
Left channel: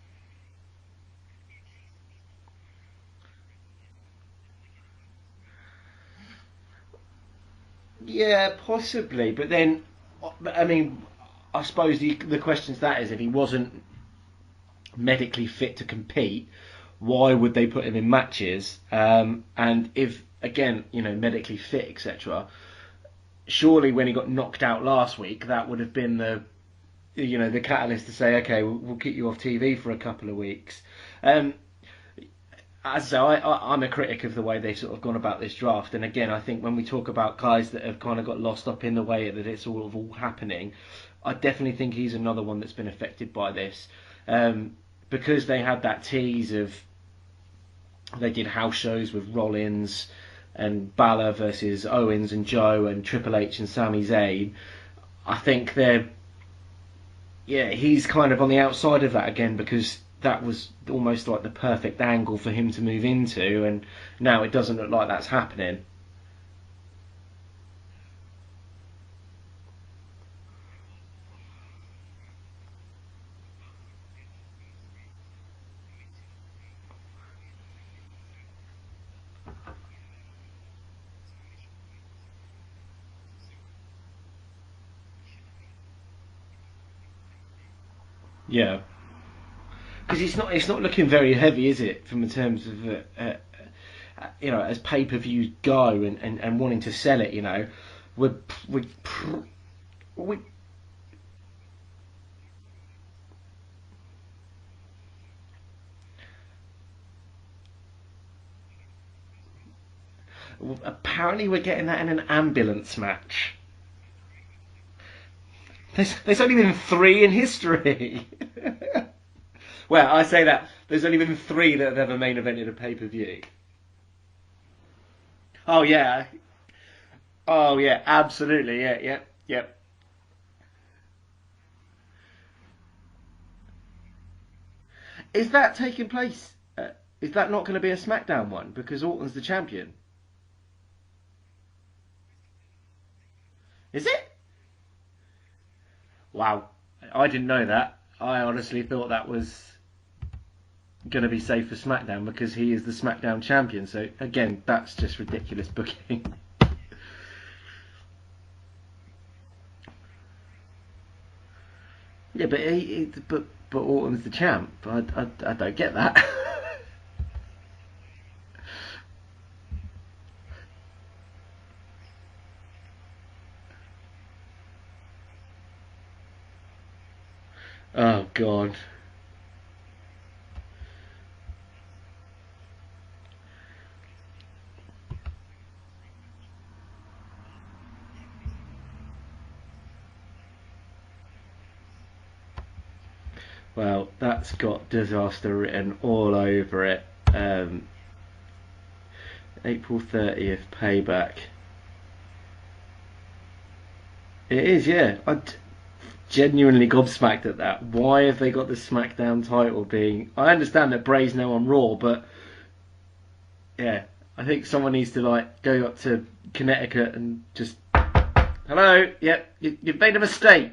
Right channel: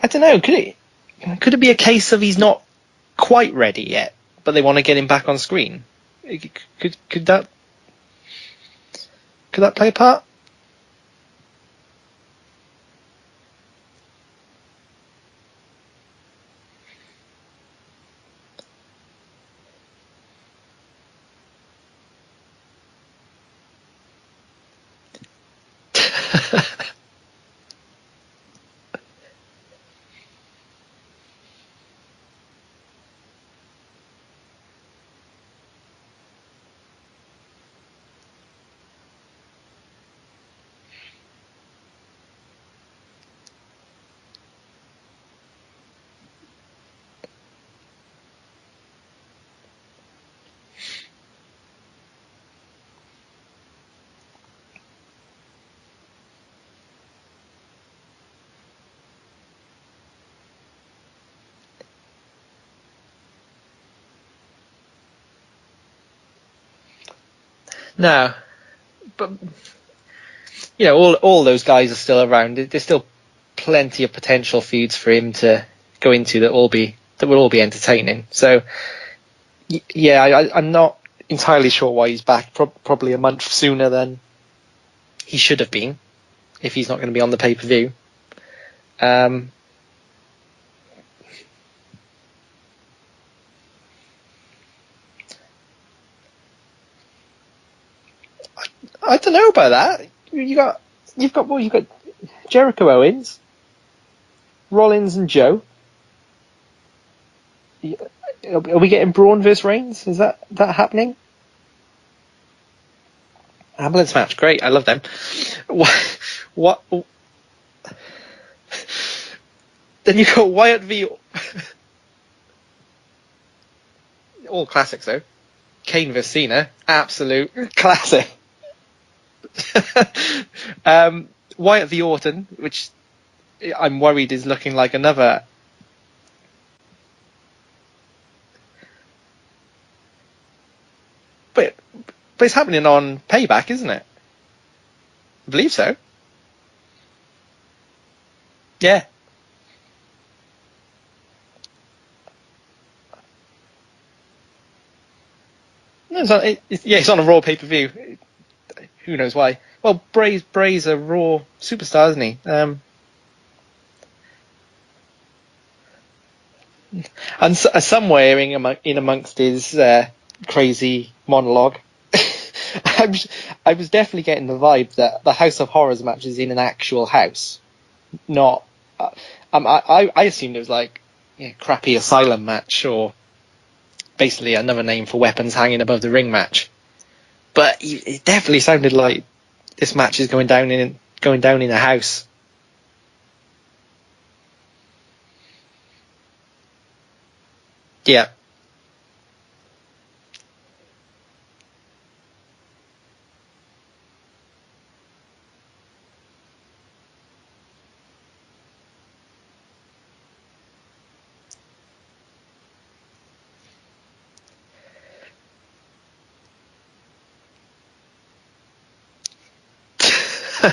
don't know. Could it be a case of he's not quite ready yet, but they want to get him back on screen? Could that? Yeah, possibly. But then, could that play a part? I mean, I suppose the question to that is, if he wasn't medically fit to compete, why would they put him in matches? And if, again, medically fit, etc., surely when he got knocked out last week, that would have been the catalyst to say, okay, we'll keep you off TV for a couple of weeks. As I say, I'm a critic of the way they've sort of gone about this draft, and again, I think when we talk about guys that have kind of got lost up in the way that it's all happening, I definitely think he's another one that's been affected by this, because they had that tease of they did house shows with Rollins and Balor versus Owens and Joe and Triple H and Sami Zayn. I think he's kind of on the outside of that again, because that was almost like the perfect angle for him to move into, and now it doesn't look like that's happening. No, but all those guys are still around. There's still plenty of potential feuds for him to go into that will all be entertaining. So yeah, I'm not entirely sure why he's back. Probably a month sooner than he should have been, if he's not going to be on the pay-per-view. Yeah. Because it's not looking very heavy, is it? From in terms of as pay-per-views go and wanting to sell it, I don't know about that. You've got Jericho Owens, Rollins and Joe. Are we getting Braun versus Reigns? Is that happening? Apparently we're getting that in an ambulance match. Ambulance match, great. I love them. There's only been 3 in history. Well, then you've got Wyatt v. There's only been 3 that have ever main evented a pay-per-view. All classics, though. Oh, yeah. King vs. Cena. Absolute classic. Yeah, absolutely, yeah. Wyatt v. Orton, which I'm worried is looking like another... Is that taking place? Is that not going to be a SmackDown one? Because Orton's the champion. But it's happening on Payback, isn't it? Is it? I believe so. Wow. I didn't know that. I honestly thought that was going to be safe for SmackDown, because he is the SmackDown champion. So, again, that's just ridiculous booking. It's on a Raw pay-per-view. Who knows why? Well, Bray's a Raw superstar, isn't he? Yeah, but Orton's the champ. I don't get that. And somewhere in amongst his crazy monologue, I was definitely getting the vibe that the House of Horrors match is in an actual house. Oh, not. I assumed it was like crappy asylum match, or basically another name for weapons hanging above the ring match. But it definitely sounded like this match is going down in a house. Well, that's got disaster written all over it. Yeah. April 30th, Payback. It is, yeah. I'm genuinely gobsmacked at that. Why have they got the SmackDown title being... I understand that Bray's now on Raw, but... Yeah, I think someone needs to go up to Connecticut and just... Hello, yep, you made a mistake.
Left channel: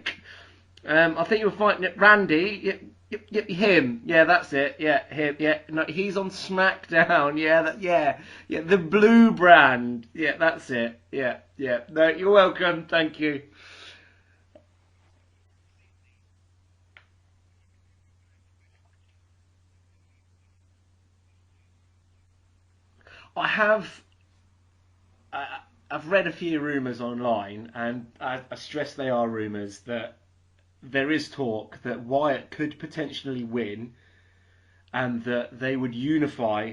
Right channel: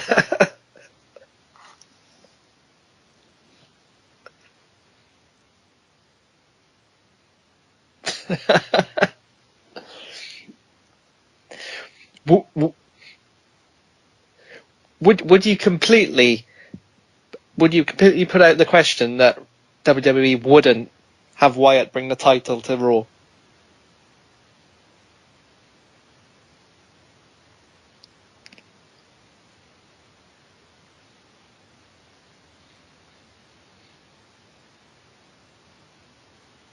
I think you were fighting Randy. Yep, him. Yeah, that's it. Yeah, him. Yeah, no, he's on SmackDown. Yeah, the blue brand. Yeah, that's it. Yeah. No, you're welcome. Thank you. Would you completely put out the question that WWE wouldn't have Wyatt bring the title to Raw? I have. I've read a few rumours online, and I stress they are rumours, that there is talk that Wyatt could potentially win, and that they would unify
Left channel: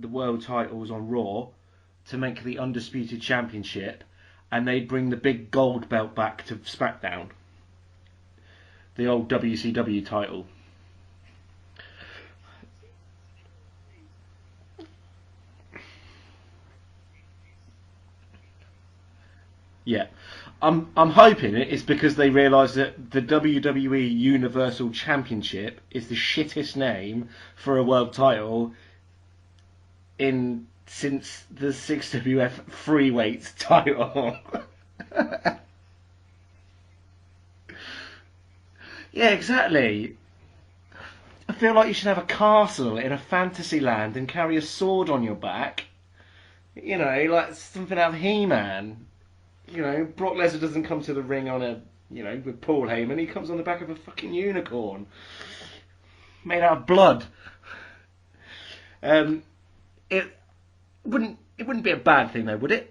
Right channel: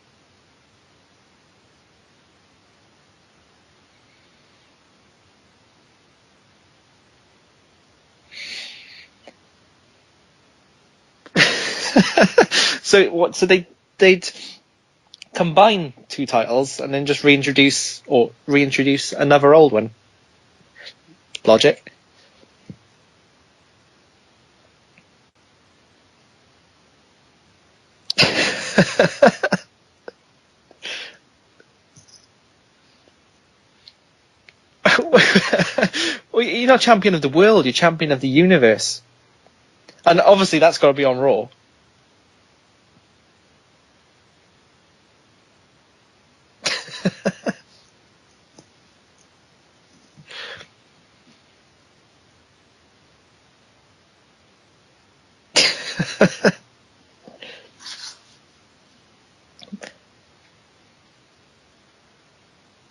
the world titles on Raw to make the Undisputed Championship, and they'd bring the big gold belt back to SmackDown. The old WCW title. So they'd combine two titles and then just reintroduce another old one. Yeah. I'm hoping Logic. it's because they realise that the WWE Universal Championship is the shittest name for a world title since the 6WF Freeweights title. Well, you're not champion of the world, you're champion of the universe. Yeah, exactly. And obviously that's got to be on Raw. I feel like you should have a castle in a fantasy land and carry a sword on your back. You know, like something out of He-Man. You know, Brock Lesnar doesn't come to the ring with Paul Heyman. He comes on the back of a fucking unicorn. Made out of blood. It wouldn't be a bad thing though, would it?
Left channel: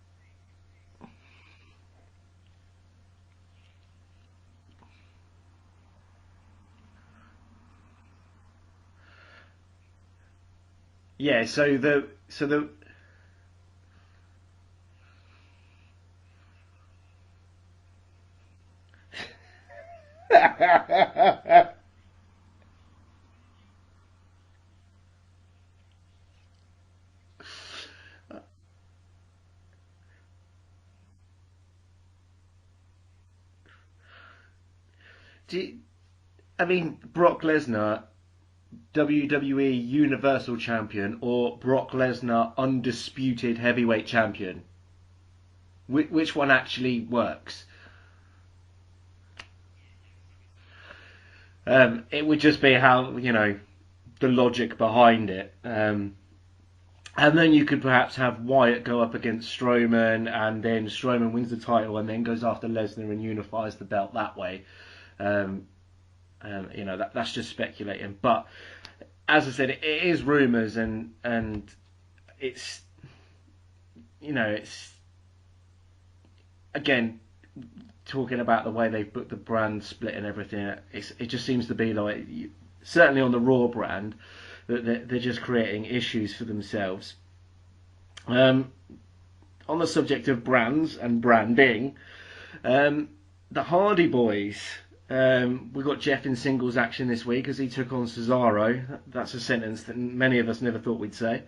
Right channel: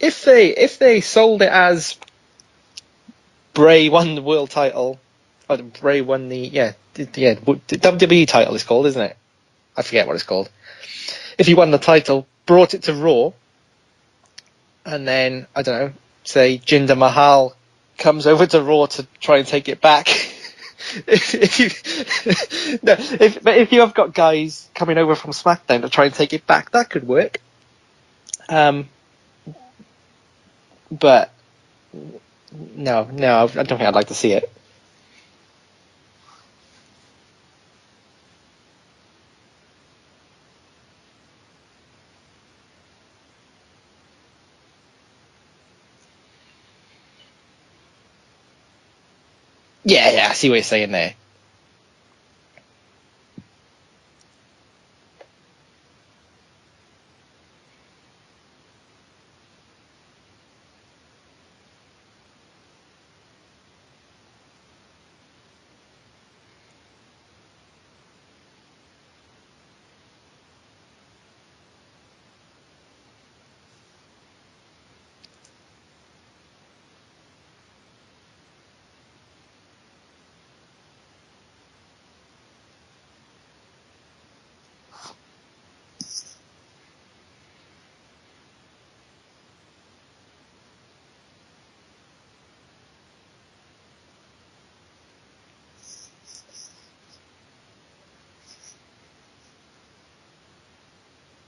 If they sold it as Bray won the world title, or Bray won the WWE title is called, isn't it? I forget what it's called. Yeah. If he won the title, brought it to Raw, and then I don't know, say Jinder Mahal comes over to Raw to try and take it back. But if you have got guys coming over from SmackDown to try and take it back, that could work. But no, I don't think I'd like to see it. Brock Lesnar, WWE Universal Champion, or Brock Lesnar Undisputed Heavyweight Champion? Which one actually works? Yeah, I see what you're saying there. It would just be how, the logic behind it. And then you could perhaps have Wyatt go up against Strowman, and then Strowman wins the title and then goes after Lesnar and unifies the belt that way. That's just speculating. But as I said, it is rumours, and it's again, talking about the way they put the brand split and everything, it just seems to be like, certainly on the Raw brand, that they're just creating issues for themselves. On the subject of brands and branding, the Hardy Boys, we got Jeff in singles action this week as he took on Cesaro. That's a sentence that many of us never thought we'd say.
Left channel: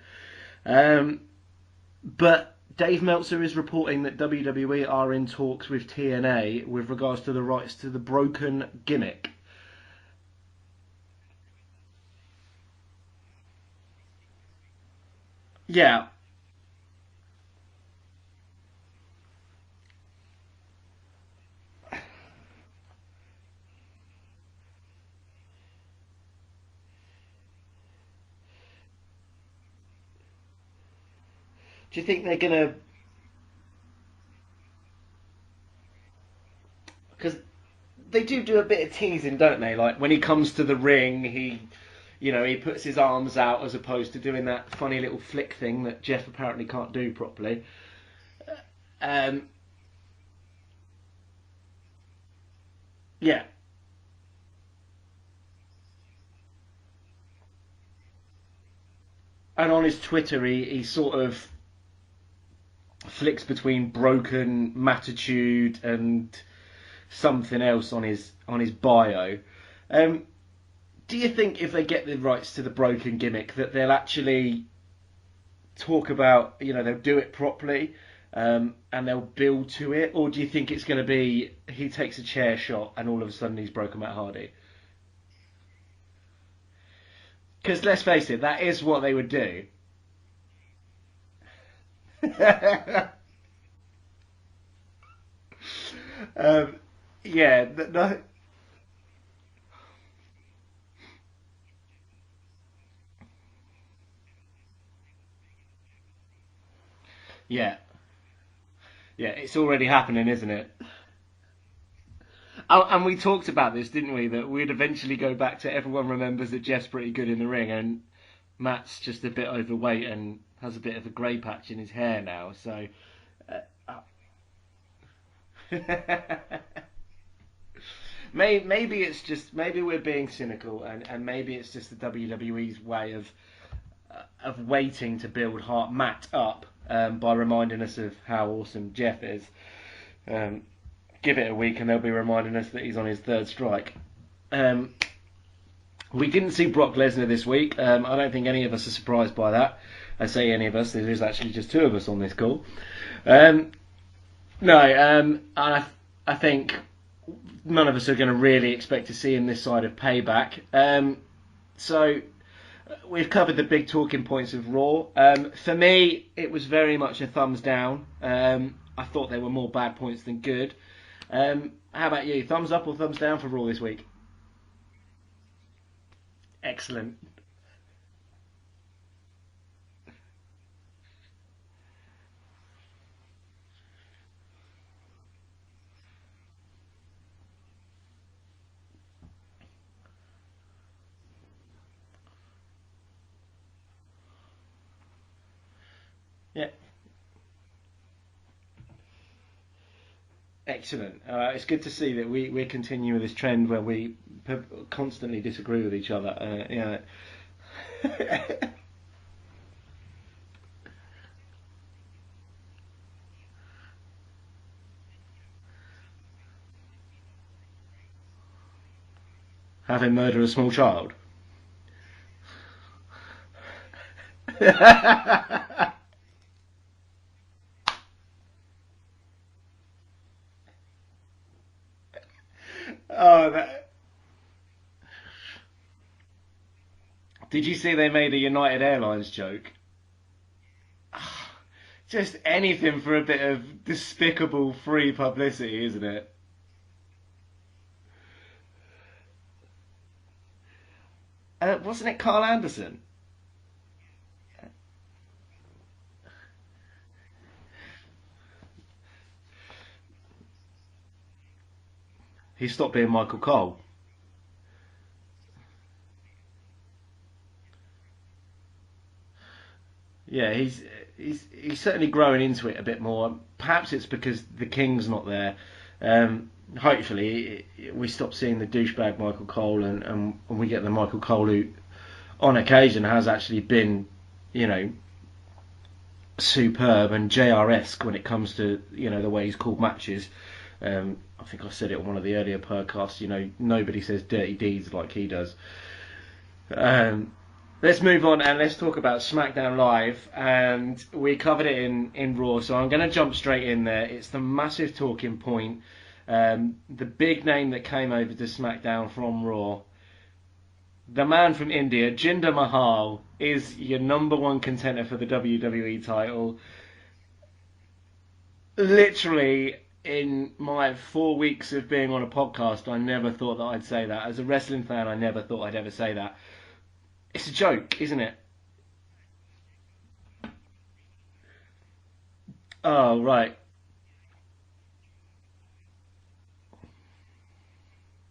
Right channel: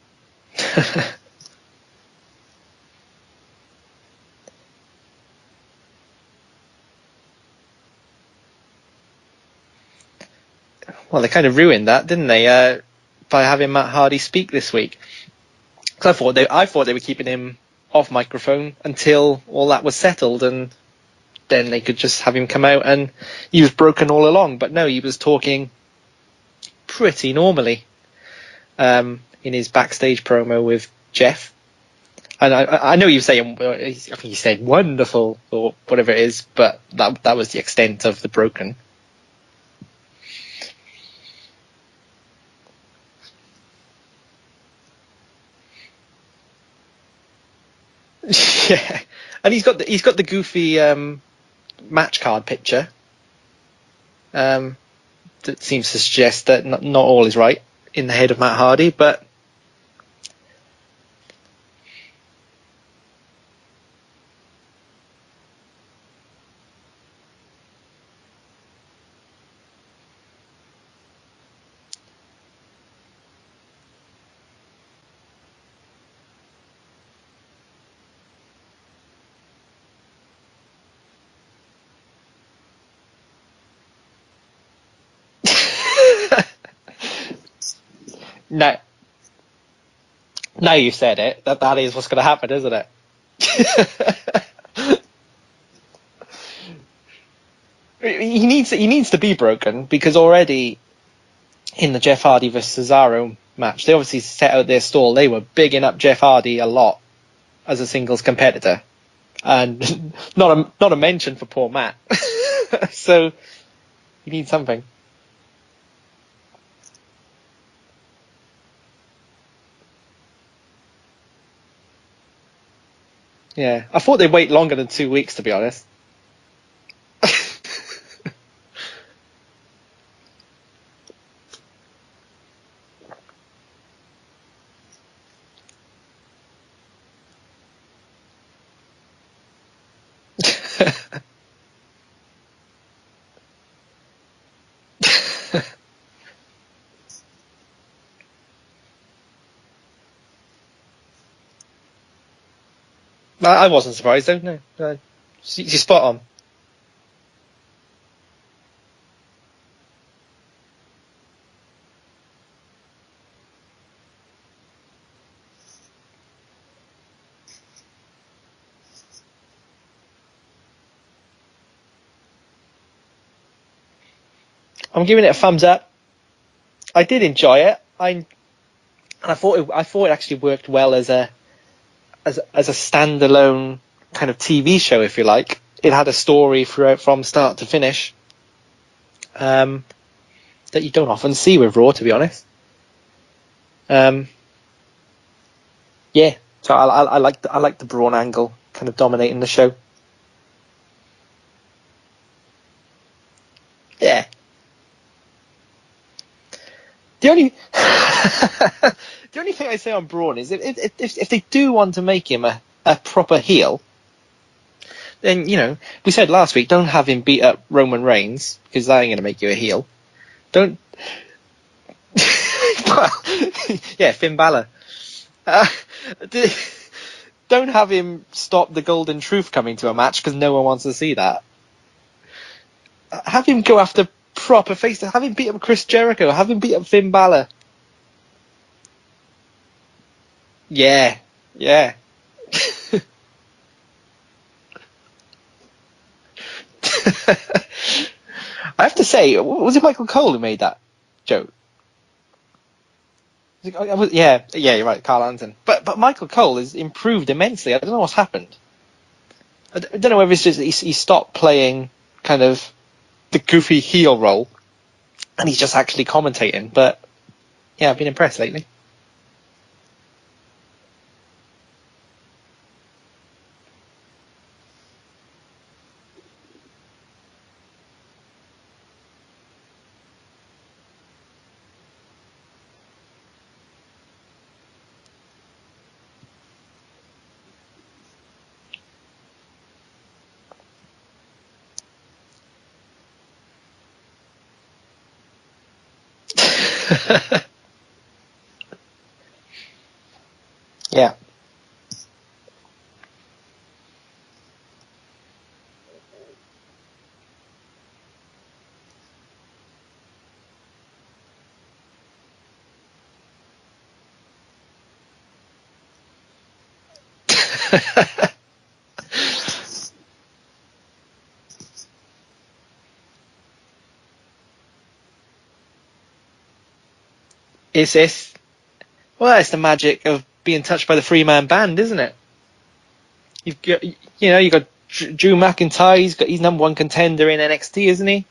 But Dave Meltzer is reporting that WWE are in talks with TNA with regards to the rights to the Broken gimmick. Well, they kind of ruined that, didn't they? By having Matt Hardy speak this week. Yeah. 'Cause I thought they were keeping him off microphone until all that was settled, and then they could just have him come out and he was broken all along. But no, he was talking pretty normally in his backstage promo with Jeff. Do you think they? And I know you say, I think he said wonderful or whatever it is, but that was the extent of the broken. They do a bit of teasing, don't they? Like when he comes to the ring, he puts his arms out as opposed to doing that funny little flick thing that Jeff apparently can't do properly. Yeah, and he's got the goofy match card picture. Yeah. That seems to suggest that not all is right in the head of Matt Hardy, but. And on his Twitter, he sort of flicks between broken, Mattitude, and something else on his bio. Do you think if they get the rights to the Broken gimmick that they'll actually talk about, they'll do it properly, and they'll build to it, or do you think it's going to be he takes a chair shot and all of a sudden he's broken Matt Hardy? Because let's face it, that is what they would do. Now you said it, that is what's going to happen, isn't it? Yeah. He needs to be broken, because already in the Jeff Hardy vs Cesaro match, they obviously set out their stall. They were bigging up Jeff Hardy a lot as a singles competitor. Yeah, it's And already happening, isn't it? not a mention for poor Matt. And So, we talked about this, didn't we? you That need we'd something. eventually go back to everyone remembers that Jeff's pretty good in the ring, and Matt's just a bit overweight and has a bit of a grey patch in his hair now. So Yeah, I thought they'd wait longer than 2 weeks, to be honest. maybe it's just maybe we're being cynical, and maybe it's just the WWE's way of waiting to build Matt up by reminding us of how awesome Jeff is. Give it a week and they'll be reminding us that he's on his third strike. We didn't see Brock Lesnar this week. I don't think any of us are surprised by that. I say any of us, there's actually just two of us on this call. No, I wasn't surprised, though. No, you're spot on. I think none of us are going to really expect to see him this side of Payback. So we've covered the big talking points of Raw. For me, it was very much a thumbs down. I thought there were more bad points than good. How about you? Thumbs up or thumbs down for Raw this week? I'm giving it a thumbs up. Excellent. I did enjoy it. I thought it actually worked well as a standalone kind of TV show, if you like. It had a story throughout from start to finish that you don't often see with Raw, to be honest. Yeah. So I like the Braun angle kind of dominating the show. Excellent. It's good to see that we continue with this trend where we constantly disagree with each other. The only the only thing I say on Braun is if they do want to make him a proper heel, then we said last week, don't have him beat up Roman Reigns because that ain't going to make you a heel. Have him murder a small child. Well, yeah, Finn Balor. Don't have him stop the Golden Truth coming to a match because no one wants to see that. Have him go after proper face. Have him beat up Chris Jericho. Have him beat up Finn Balor. Did you see they made a United Airlines joke? Yeah. Just anything for a bit of despicable free publicity, isn't it? I have to say, was it Michael Cole who made that joke? Wasn't it Carl Anderson? Yeah, you're right, Carl Anderson. But Michael Cole has improved immensely. I don't know what's happened. I don't know whether it's just he stopped playing kind of he stopped being Michael the Cole. goofy heel role, and he's just actually commentating. But yeah, I've been impressed lately. Yeah, he's certainly growing into it a bit more. Perhaps it's because the King's not there. Hopefully, we stop seeing the douchebag Michael Cole and we get the Michael Cole who, on occasion, has actually been, superb and JR-esque when it comes to, the way he's called matches. I think I said it on one of the earlier podcasts, nobody says dirty deeds like he does. Let's move on and let's talk about SmackDown Live. We covered it in Raw, so I'm going to jump straight in there. It's the massive talking point. The big name that came over to SmackDown from Raw. The man from India, Jinder Mahal, is your number one contender for the WWE title. Literally, in my 4 weeks of being on a podcast, I never thought that I'd say that. As a wrestling fan, I never thought I'd ever say that. It's a joke, isn't it? Well, it's the magic of being touched by the three-man band, isn't it? Oh, right. You've got Drew McIntyre, he's number one contender in NXT, isn't he?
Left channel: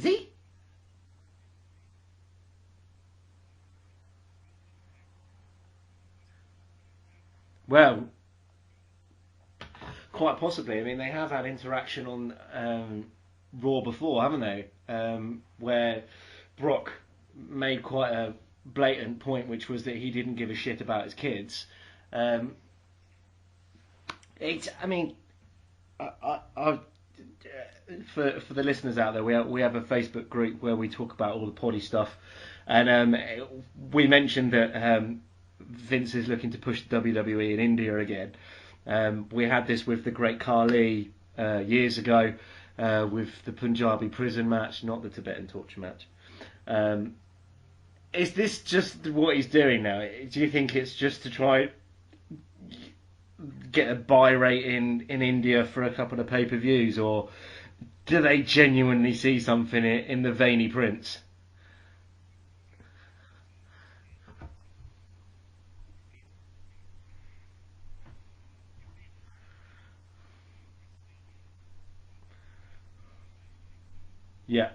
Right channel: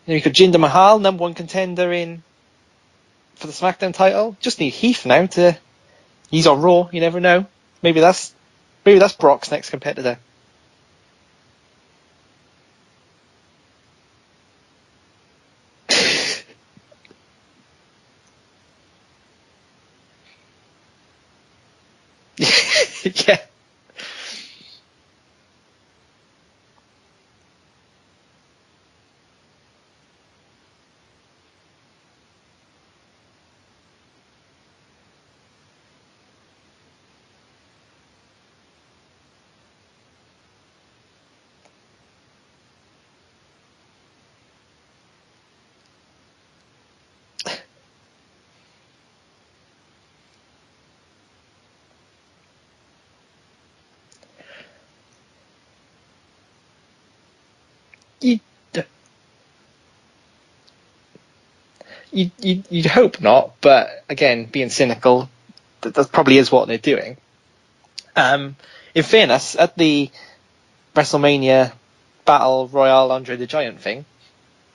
You've got Jinder Mahal, number one contender for the SmackDown title. Just need Heath now he's on Raw, you never know. Well, maybe that's Brock's next competitor. Quite possibly. I mean, they have had interaction on Raw before, haven't they? Where Brock made quite a blatant point, which was that he didn't give a shit about his kids. Yeah. For the listeners out there, we have a Facebook group where we talk about all the poddy stuff, and we mentioned that Vince is looking to push the WWE in India again. We had this with the Great Khali years ago, with the Punjabi prison match, not the Tibetan torture match. Is this just what he's doing now? Do you think it's just to try get a buy rate in India for a couple of pay-per-views, or do they genuinely see something in the veiny prince? You'd hope not, but again, being cynical, that probably is what they're doing. In fairness, at the WrestleMania Battle Royale Andre the Giant thing, Yeah.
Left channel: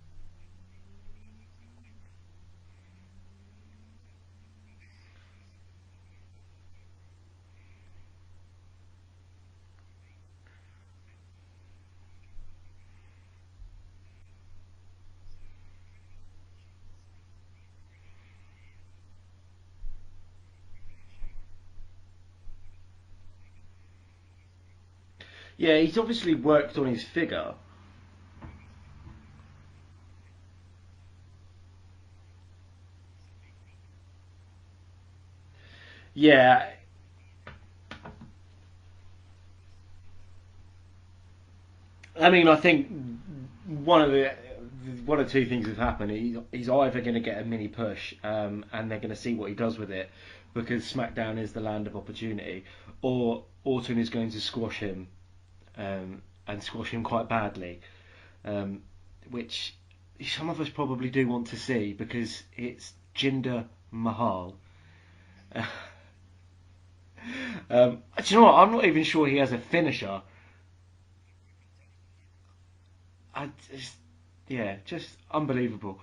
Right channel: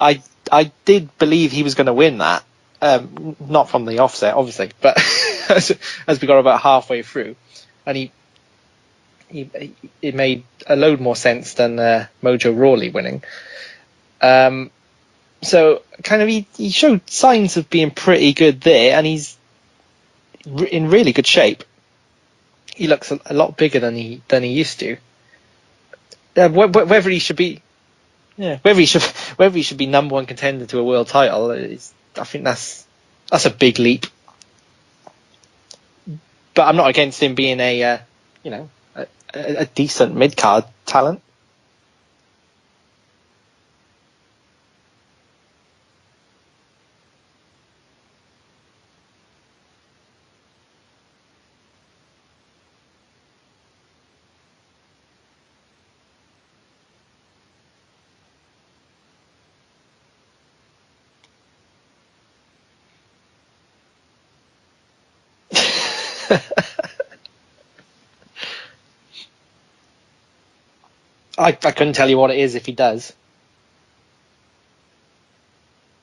I did believe he was going to win that. Not from the offset, obviously, but as we got about halfway through, and it made a load more sense than Mojo Rawley winning. So kind of he showed signs of being pretty good there, and he's in really good shape. He looks a lot bigger than he used to. Yeah, he's obviously worked on Whether his he should figure. be, yeah, whether he should be number one contender to a world title, I think that's a big leap. Yeah, But I'm not against him being a decent mid card talent. I mean, I think one or two things have happened. He's either going to get a mini push, and they're going to see what he does with it, because SmackDown is the land of opportunity, or Orton is going to squash him, and squash him quite badly, which some of us probably do want to see, because it's Jinder Mahal. Do you know what? I'm not even sure he has a finisher. I couldn't tell you what it is if he does. Just unbelievable.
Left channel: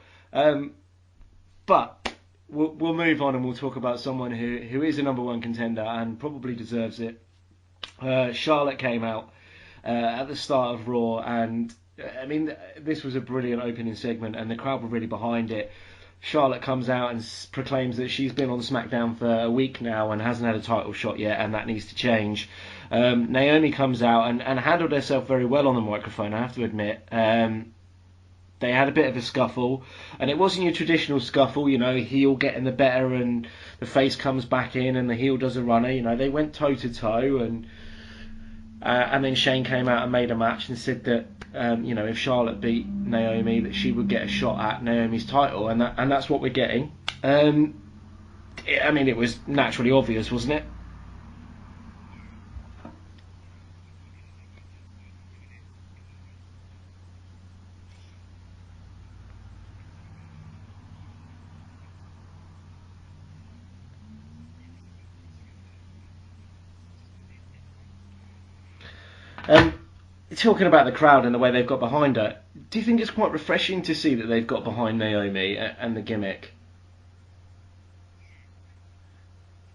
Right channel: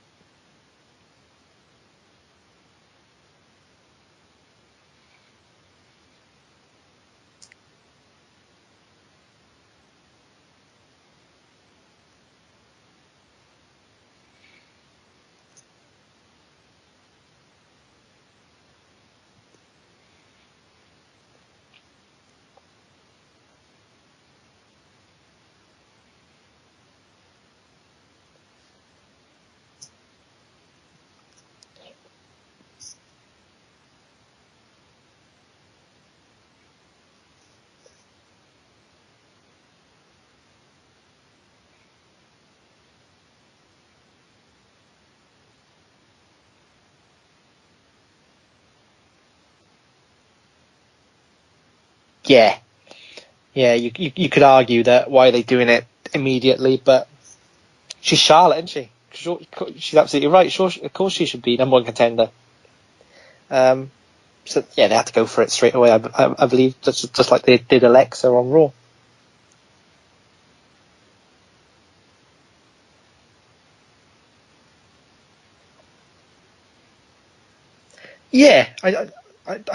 But we'll move on and we'll talk about someone who is a number one contender and probably deserves it. Charlotte came out at the start of Raw, and I mean, this was a brilliant opening segment, and the crowd were really behind it. Charlotte comes out and proclaims that she's been on SmackDown for a week now and hasn't had a title shot yet, and that needs to change. Naomi comes out and handled herself very well on the microphone, I have to admit. They had a bit of a scuffle, and it wasn't your traditional scuffle, heel getting the better and the face comes back in and the heel does a runner. They went toe to toe, and then Shane came out and made a match and said that if Charlotte beat Naomi, that she would get a shot at Naomi's title, and that's what we're getting. It was naturally obvious, wasn't it? Yeah. You could argue that why are they doing it immediately, but she's Charlotte, isn't she? She's absolutely right. Sure, of course she should be number one contender. So yeah, they had to go for it straight away. I believe just like they did Alexa on Raw. Talking about the crowd and the way they've got behind her, do you think it's quite refreshing to see that they've got behind Naomi and the gimmick? Yeah, I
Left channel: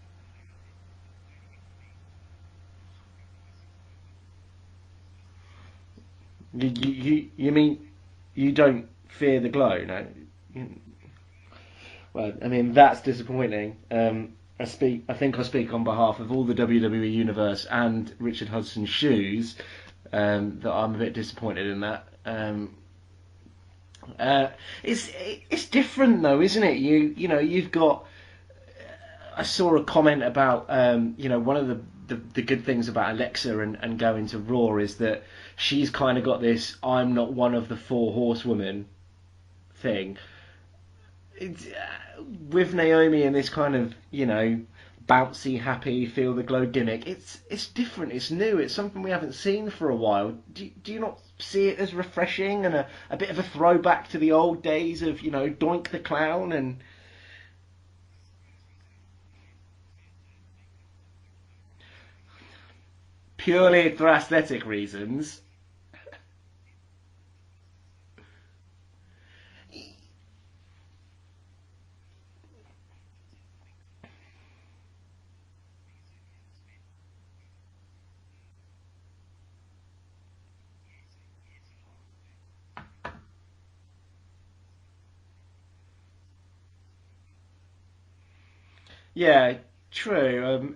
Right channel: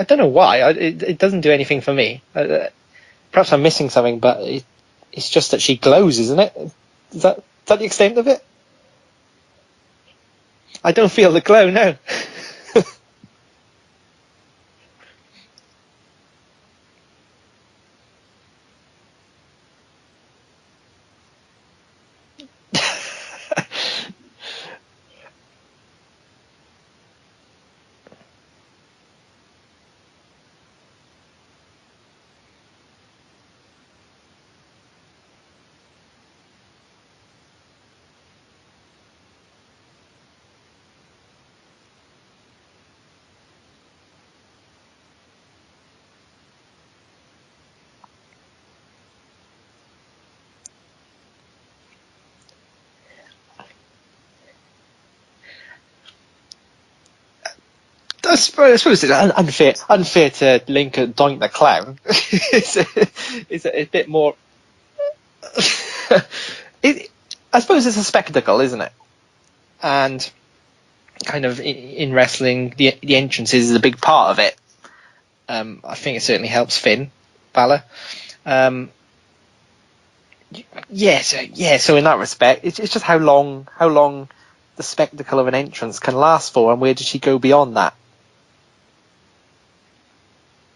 don't know why. It doesn't do anything for me. Perhaps I'm missing something, but it's just that she glows, isn't it? Is that the extent of it? You don't fear the glow, no? I don't feel the glow, no. That's disappointing. I think I speak on behalf of all the WWE Universe and Richard Hudson's shoes, that I'm a bit disappointed in that. It's different though, isn't it? You've got. I saw a comment about one of the good things about Alexa and going to Raw is that she's kind of got this I'm not one of the four horsewomen thing. With Naomi and this kind of bouncy, happy, feel the glow gimmick, it's different, it's new, it's something we haven't seen for a while. Do you not see it as refreshing and a bit of a throwback to the old days of Doink the Clown? And I suppose it's unfair to link a Doink the Clown. Purely for aesthetic reasons. I suppose it's a spectacle, isn't it? And kind of in wrestling, the entrances is a big part of it. I think it certainly helps Finn Balor. So in that respect, it's just how long the spectacle of an entrance can last for, and where does she go beyond that? Yeah, true.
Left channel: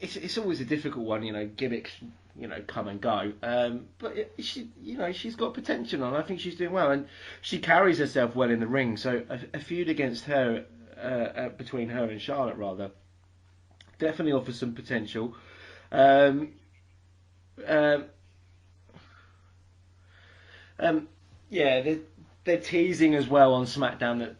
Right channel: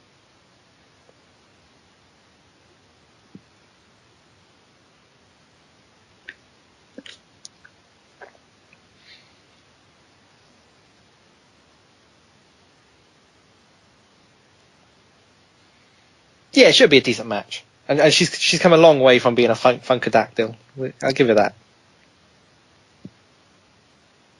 It's always a difficult one, gimmicks, come and go. But she's got potential, and I think she's doing well, and she carries herself well in the ring. So a feud against her, between her and Charlotte, rather, definitely offers some potential. It should be a decent match, and she's come a long way from being a funkadactyl. I'll give her that. Yeah, they're teasing as well on SmackDown that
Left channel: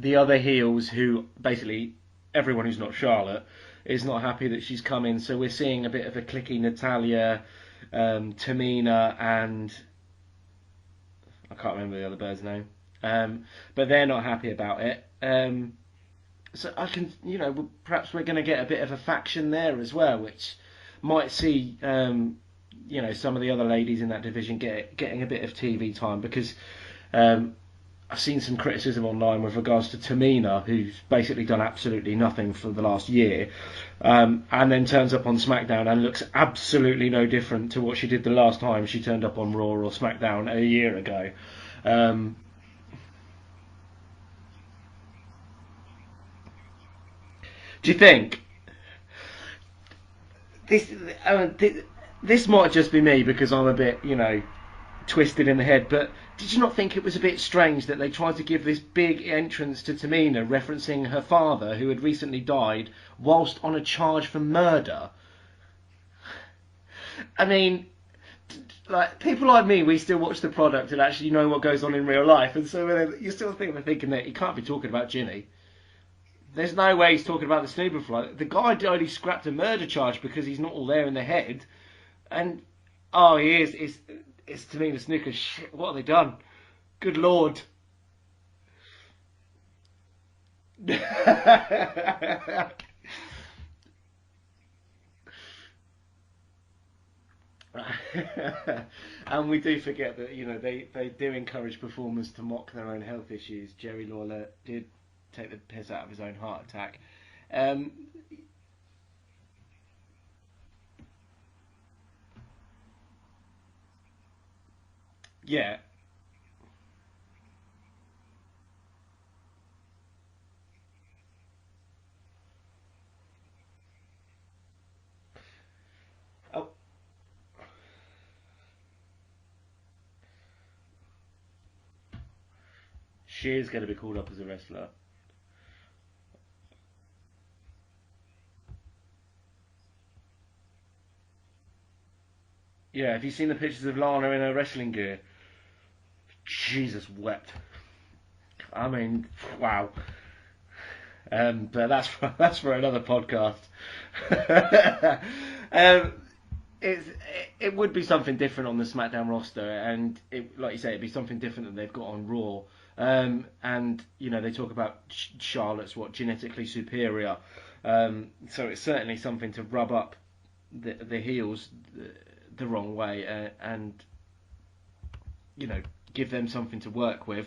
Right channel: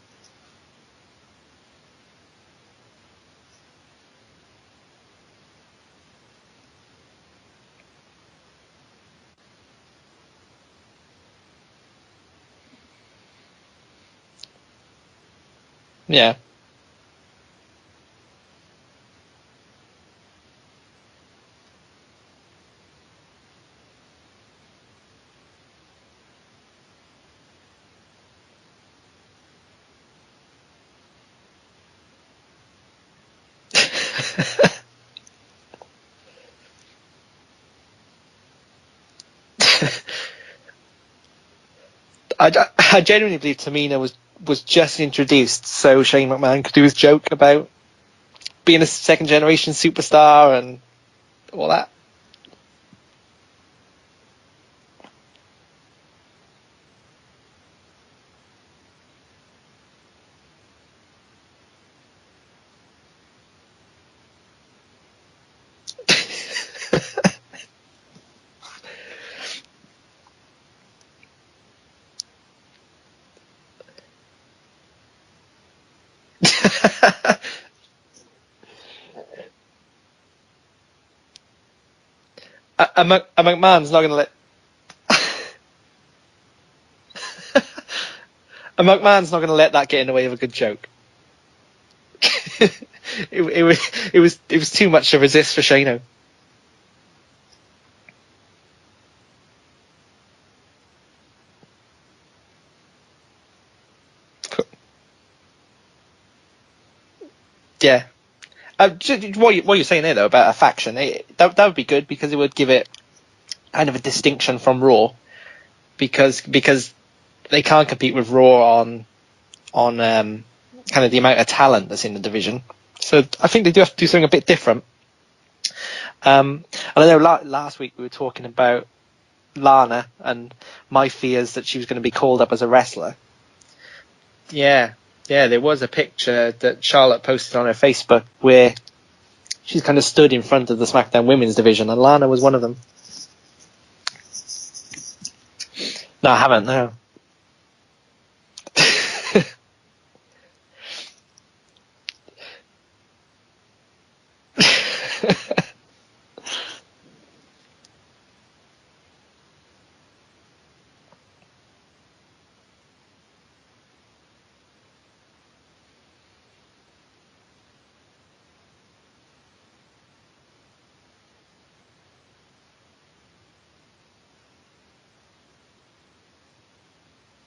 the other heels, who basically everyone who's not Charlotte, is not happy that she's come in. So we're seeing a bit of a clicky Natalya, Tamina, and I can't remember the other bird's name. But they're not happy about it. Yeah. So I can, perhaps we're going to get a bit of a faction there as well, which might see, some of the other ladies in that division getting a bit of TV time, because I've seen some criticism online with regards to Tamina, who's basically done absolutely nothing for the last year, and then turns up on SmackDown and looks absolutely no different to what she did the last time she turned up on Raw or SmackDown a year ago. I genuinely believe Tamina was just introduced so Shane McMahon could do his joke about. Do you think being a second generation superstar and all that? This might just be me because I'm a bit, twisted in the head, but did you not think it was a bit strange that they tried to give this big entrance to Tamina referencing her father, who had recently died, whilst on a charge for murder? I mean, like, people like me, we still watch the product and actually know what goes on in real life, and so you still thinking that he can't be talking about Ginny. There's no way he's talking about the snooper fly. The guy only scrapped a murder charge because he's not all there in the head. And McMahon's not going to let... It's Tamina Snuka. What have they done? Good Lord. A McMahon's not going to let that get in the way of a good joke. it was too much to resist for Shano. And we do forget that they do encourage performers to mock their own health issues. Jerry Lawler did take the piss out of his own heart attack. Yeah. What you're saying there though about a faction, that would be good because it would give it kind of a distinction from Raw. Yeah. Because they can't compete with Raw on kind of the amount of talent that's in the division. So I think they do have to do something a bit different. And I know last week we were talking about Lana and my fears that she was going to be called up as a wrestler. She is going to be called up as a wrestler. Yeah, there was a picture that Charlotte posted on her Facebook where she's kind of stood in front of the SmackDown Women's division, and Lana was one of them. Yeah, have you seen the pictures of Lana in her wrestling gear? No, I haven't. No. Jesus wept. I mean, wow. But that's for another podcast. It would be something different on the SmackDown roster, and like you say, it'd be something different that they've got on Raw. And they talk about Charlotte's genetically superior, so it's certainly something to rub up the heels the wrong way, and give them something to work with.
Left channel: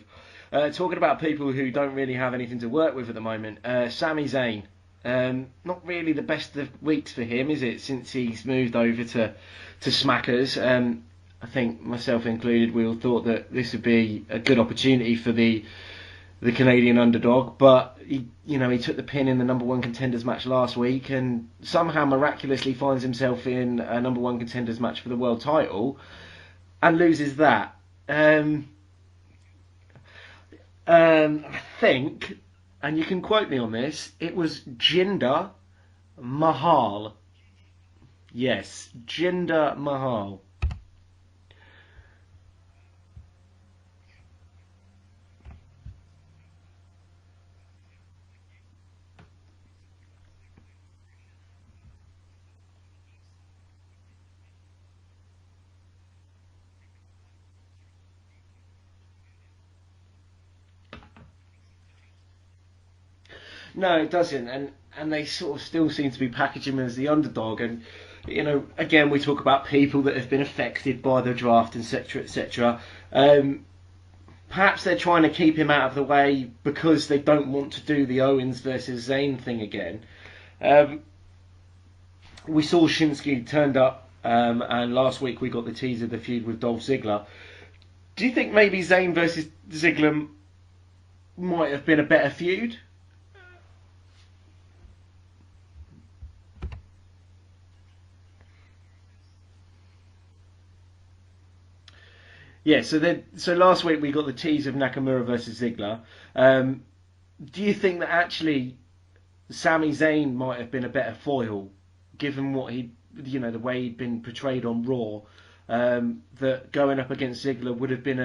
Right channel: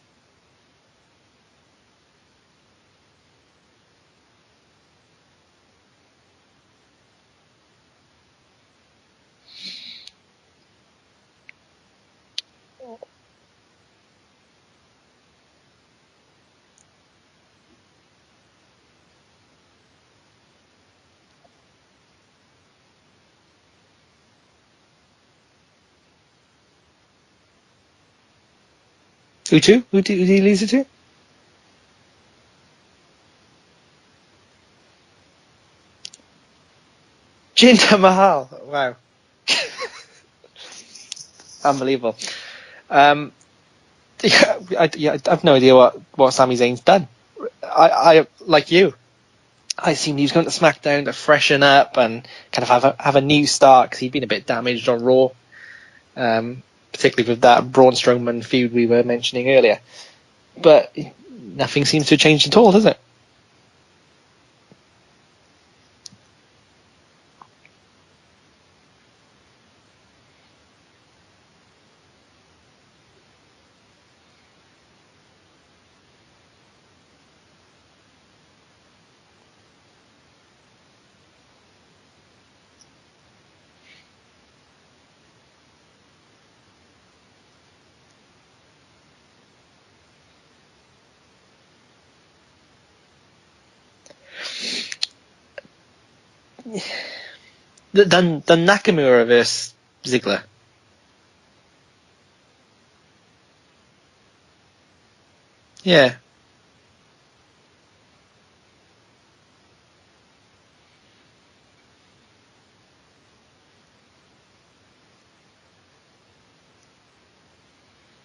Talking about people who don't really have anything to work with at the moment, Sami Zayn. Not really the best of weeks for him, is it, since he's moved over to Smackers? I think, myself included, we all thought that this would be a good opportunity for the Canadian underdog, but he took the pin in the number one contenders match last week, and somehow miraculously finds himself in a number one contenders match for the world title, and loses that. Who to? Who did he lose it to? I think, and you can quote me on this, it was Jinder Mahal. Jinder Mahal? Yes. Wow. Jinder Mahal. Unbelievable. I have no idea what Sami Zayn's done. I like you. I assumed he was going to SmackDown to freshen up and kind of have a new start because he'd been a bit damaged on Raw, particularly with that Braun Strowman feud we were mentioning earlier. But nothing seems to have changed at all, does it? No, it doesn't. And they sort of still seem to be packaging him as the underdog. And again, we talk about people that have been affected by the draft, etc., etc. Perhaps they're trying to keep him out of the way because they don't want to do the Owens versus Zayn thing again. We saw Shinsuke turned up, and last week we got the teaser of the feud with Dolph Ziggler. Do you think maybe Zayn versus Ziggler might have been a better feud? Than Nakamura versus Ziggler. Yeah, so last week we got the tease of Nakamura versus Ziggler. Yeah. Do you think that actually Sami Zayn might have been a better foil, given what the way he'd been portrayed on Raw, that going up against Ziggler would have been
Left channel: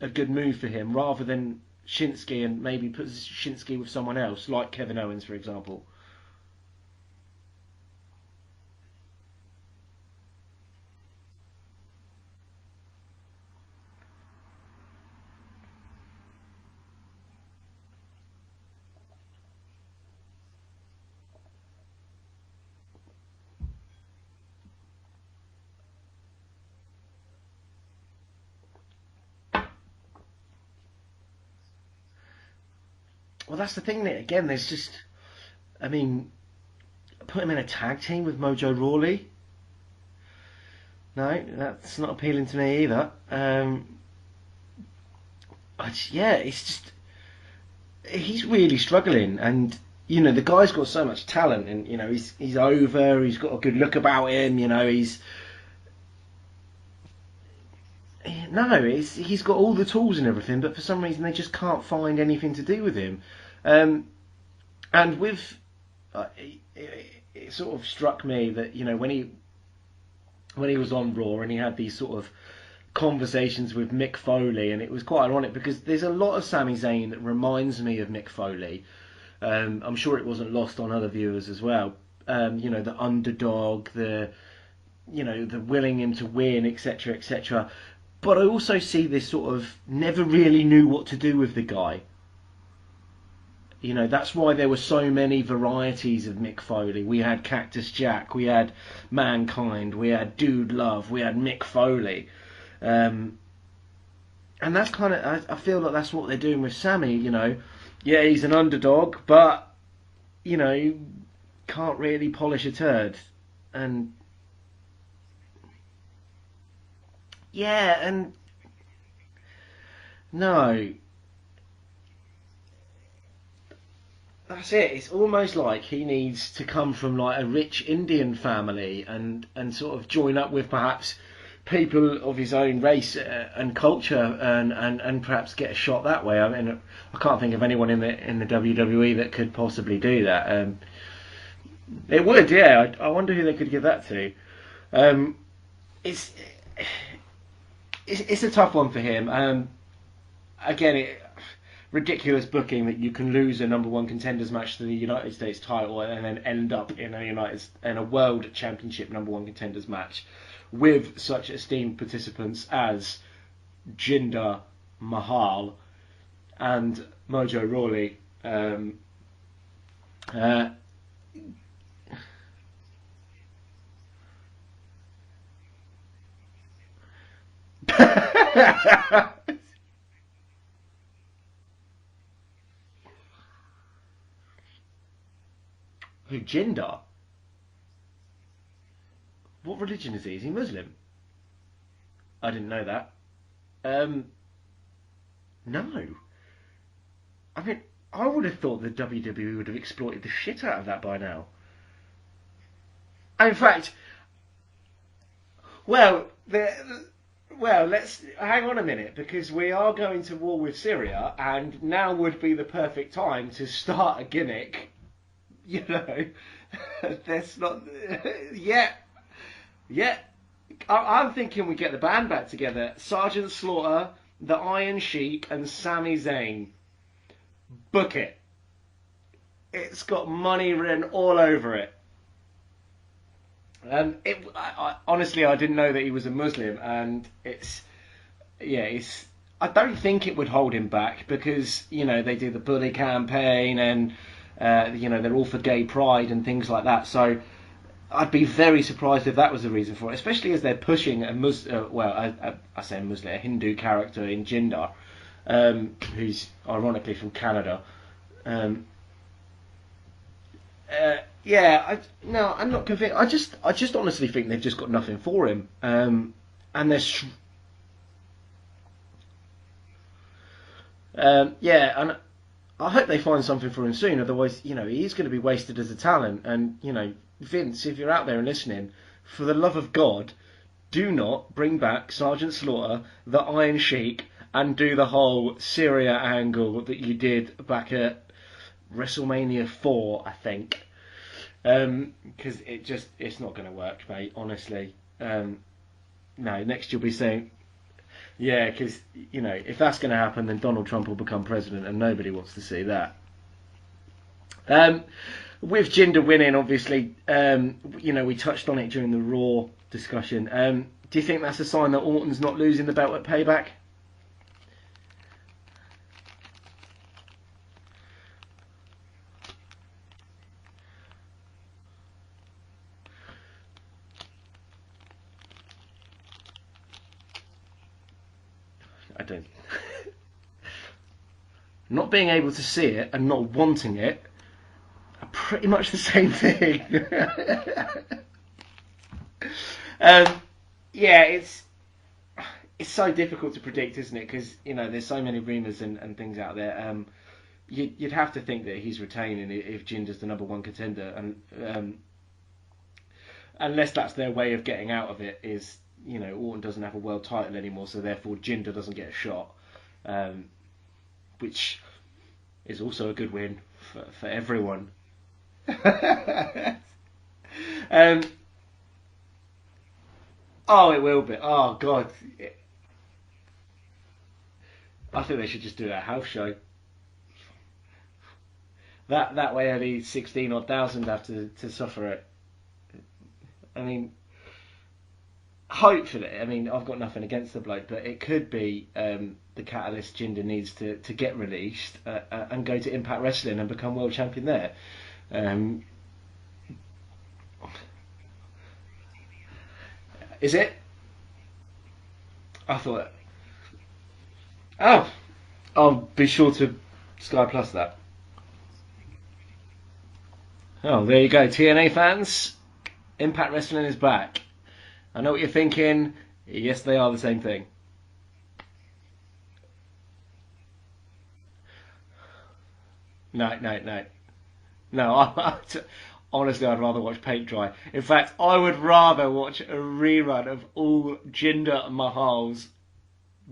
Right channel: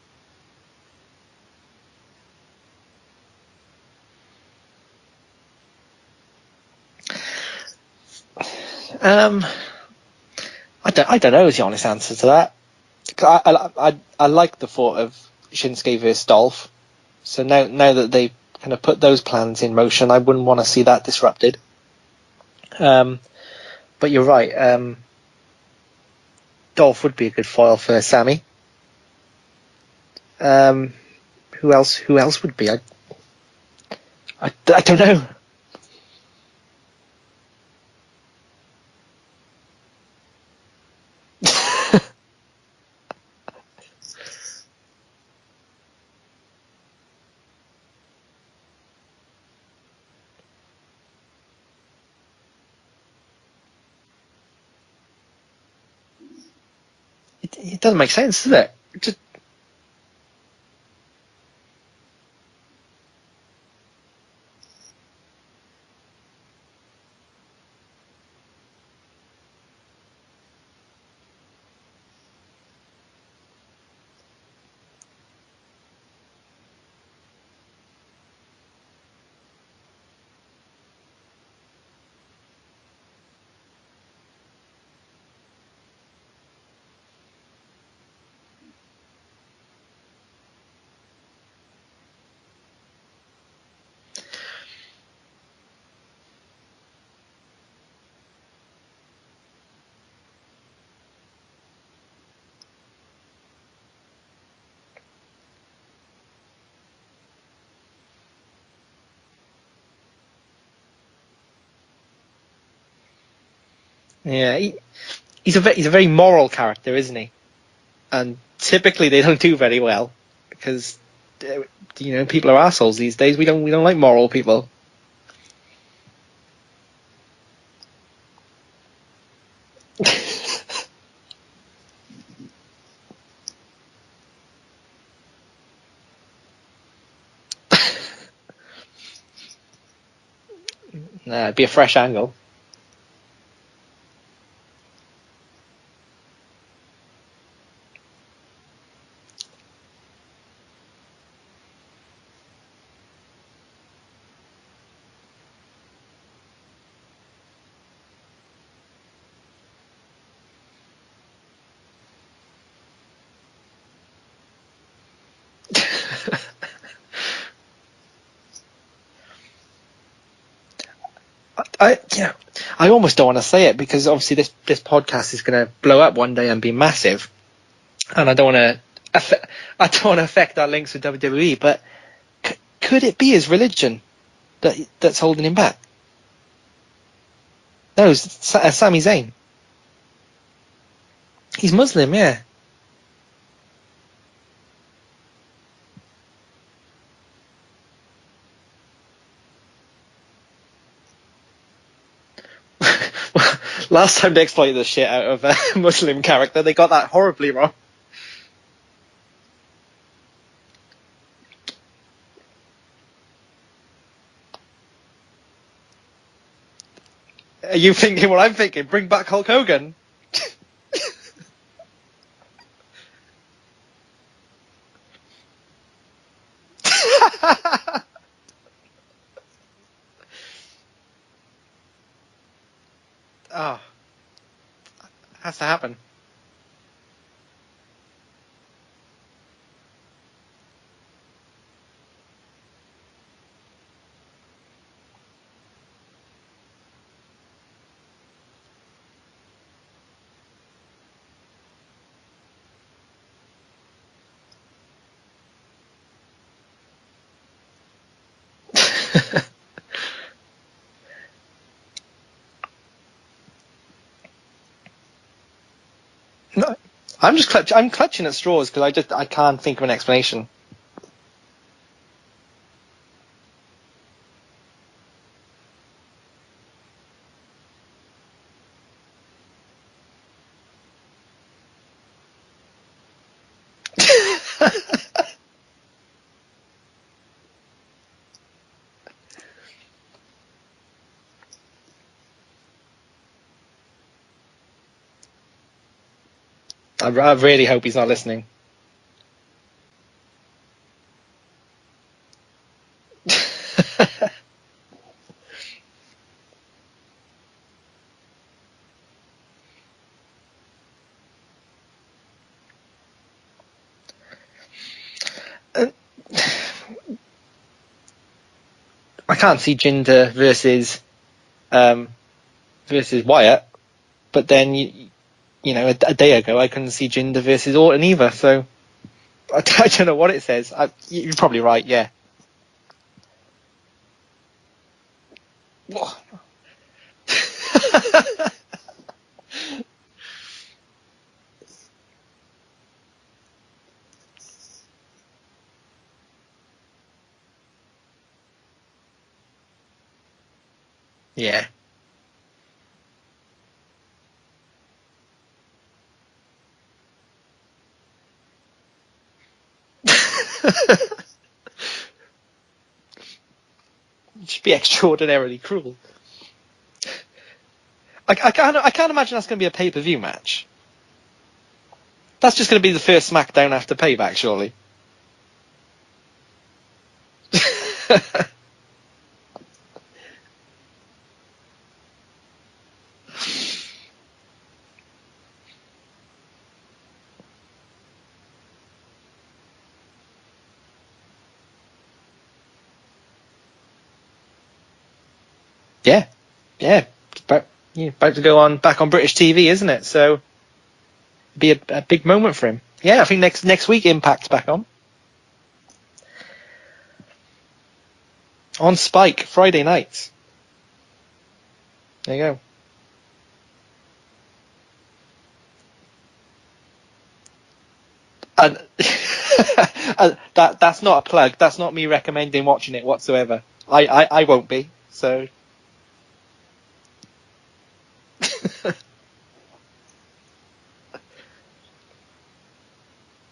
a good move for him, rather than Shinsuke, and maybe put Shinsuke with someone else, like Kevin Owens, for example? I don't know is the honest answer to that. I like the thought of Shinsuke versus Dolph. So now that they've kind of put those plans in motion. I wouldn't want to see that disrupted. But you're right. Dolph would be a good foil for Sammy. Who else would be? Well, that's the thing. Again, I don't know. I mean, put him in a tag team with Mojo Rawley. No, not appealing to me either. It's just he's really struggling, and the guy's got so much talent, and he's over. He's got a good look about him. It doesn't make sense, does it? No, he's got all the tools and everything, but for some reason they just can't find anything to do with him. And with it sort of struck me that when he was on Raw and he had these sort of conversations with Mick Foley, and it was quite ironic because there's a lot of Sami Zayn that reminds me of Mick Foley. I'm sure it wasn't lost on other viewers as well. The underdog, the willing him to win, etc., etc. But I also see this sort of never really knew what to do with the guy. That's why there were so many varieties of Mick Foley. We had Cactus Jack, we had Mankind, we had Dude Love, we had Mick Foley. And that's kind of, I feel like that's what they're doing with Sammy, Yeah, he's an underdog, but, can't really polish a turd. And yeah, he's a very moral character, isn't he? Yeah, and typically they don't do very well. No, because people are assholes these days. We don't like moral people. That's it. It's almost like he needs to come from like a rich Indian family and sort of join up with perhaps people of his own race and culture and perhaps get a shot that way. I mean, I can't think of anyone in the WWE that could possibly do that. It'd be a fresh angle. It would, yeah. I wonder who they could give that to. It's a tough one for him. Again, ridiculous booking that you can lose a number one contenders match to the United States title and then end up in a World Championship number one contenders match with such esteemed participants as Jinder Mahal and Mojo Rawley. I almost don't want to say it because obviously this podcast is going to blow up one day and be massive, and I don't want to affect our links with WWE. But could it be his religion that's holding him back? Who, Jinder? No, it's Sami Zayn. What religion is he? Is he Muslim? He's Muslim, yeah. I didn't know that. No. I mean, I would have thought the WWE would have exploited the shit out of that by now. Last time they exploited the shit out of a Muslim character, they got that horribly wrong. Well, let's hang on a minute, because we are going to war with Syria, and now would be the perfect time to start a gimmick. Are you thinking what I'm thinking? Yeah. Bring back Hulk Hogan? Yeah. I'm thinking we get the band back together. Sergeant Slaughter, the Iron Sheik, and Sami Zayn. Book it. It's got money written all over it. Oh. Honestly, I didn't know that he was a Muslim, and I don't think it would hold him back because they do the bully campaign and they're all for gay pride and things like that. So I'd be very surprised if that was the reason for it, especially as they're pushing I say a Muslim, a Hindu character in Jinder, who's ironically from Canada. I'm not convinced. I just honestly think they've just got nothing for him. And I'm clutching at straws because I can't think of an explanation. And I hope they find something for him soon. Otherwise, he is going to be wasted as a talent. And Vince, if you're out there and listening, for the love of God, do not bring back Sergeant Slaughter, the Iron Sheik, and do the whole Syria angle that you did back at WrestleMania 4, I think. Because it's not going to work, mate, honestly. No, next year. I really hope he's not listening. Yeah, because, if that's going to happen, then Donald Trump will become president, and nobody wants to see that. With Jinder winning, obviously, we touched on it during the Raw discussion. Do you think that's a sign that Orton's not losing the belt at Payback? can't see Jinder versus Wyatt, but then you know, a day ago I couldn't see Jinder versus Orton either. So I don't know what it says. You're probably right. Yeah. Not being able to see it and not wanting it are pretty much the same thing. Yeah, it's so difficult to predict, isn't it? Because there's so many rumours and things out there. You'd have to think that he's retaining if Jinder's the number one contender, and unless that's their way of getting out of it, is Orton doesn't have a world title anymore, so therefore Jinder doesn't get a shot, which is also a good win for everyone. Should be extraordinarily cruel. I can't imagine that's going to be a pay-per-view match. Oh, it will be. Oh God, that's just going to be the first SmackDown after Payback, surely. I think they should just do a house show. that way only 16,000 have to suffer it. I mean, hopefully, I've got nothing against the bloke, but it could be the catalyst Jinder needs to get released and go to Impact Wrestling and become world champion there. Yeah. About to go back on British TV, isn't it? So is it? Be a big moment for him. I think next week Impact's back on. Oh, I'll be sure to Sky Plus that. On Spike, Friday nights. Oh, there you go, TNA fans. There you go. Impact Wrestling is back. I know what you're thinking. Yes, they are the same thing. And that's not a plug. That's not me recommending watching it whatsoever. No. I won't be. No, so. Honestly, I'd rather watch paint dry. In fact, I would rather watch a rerun of all Jinder Mahal's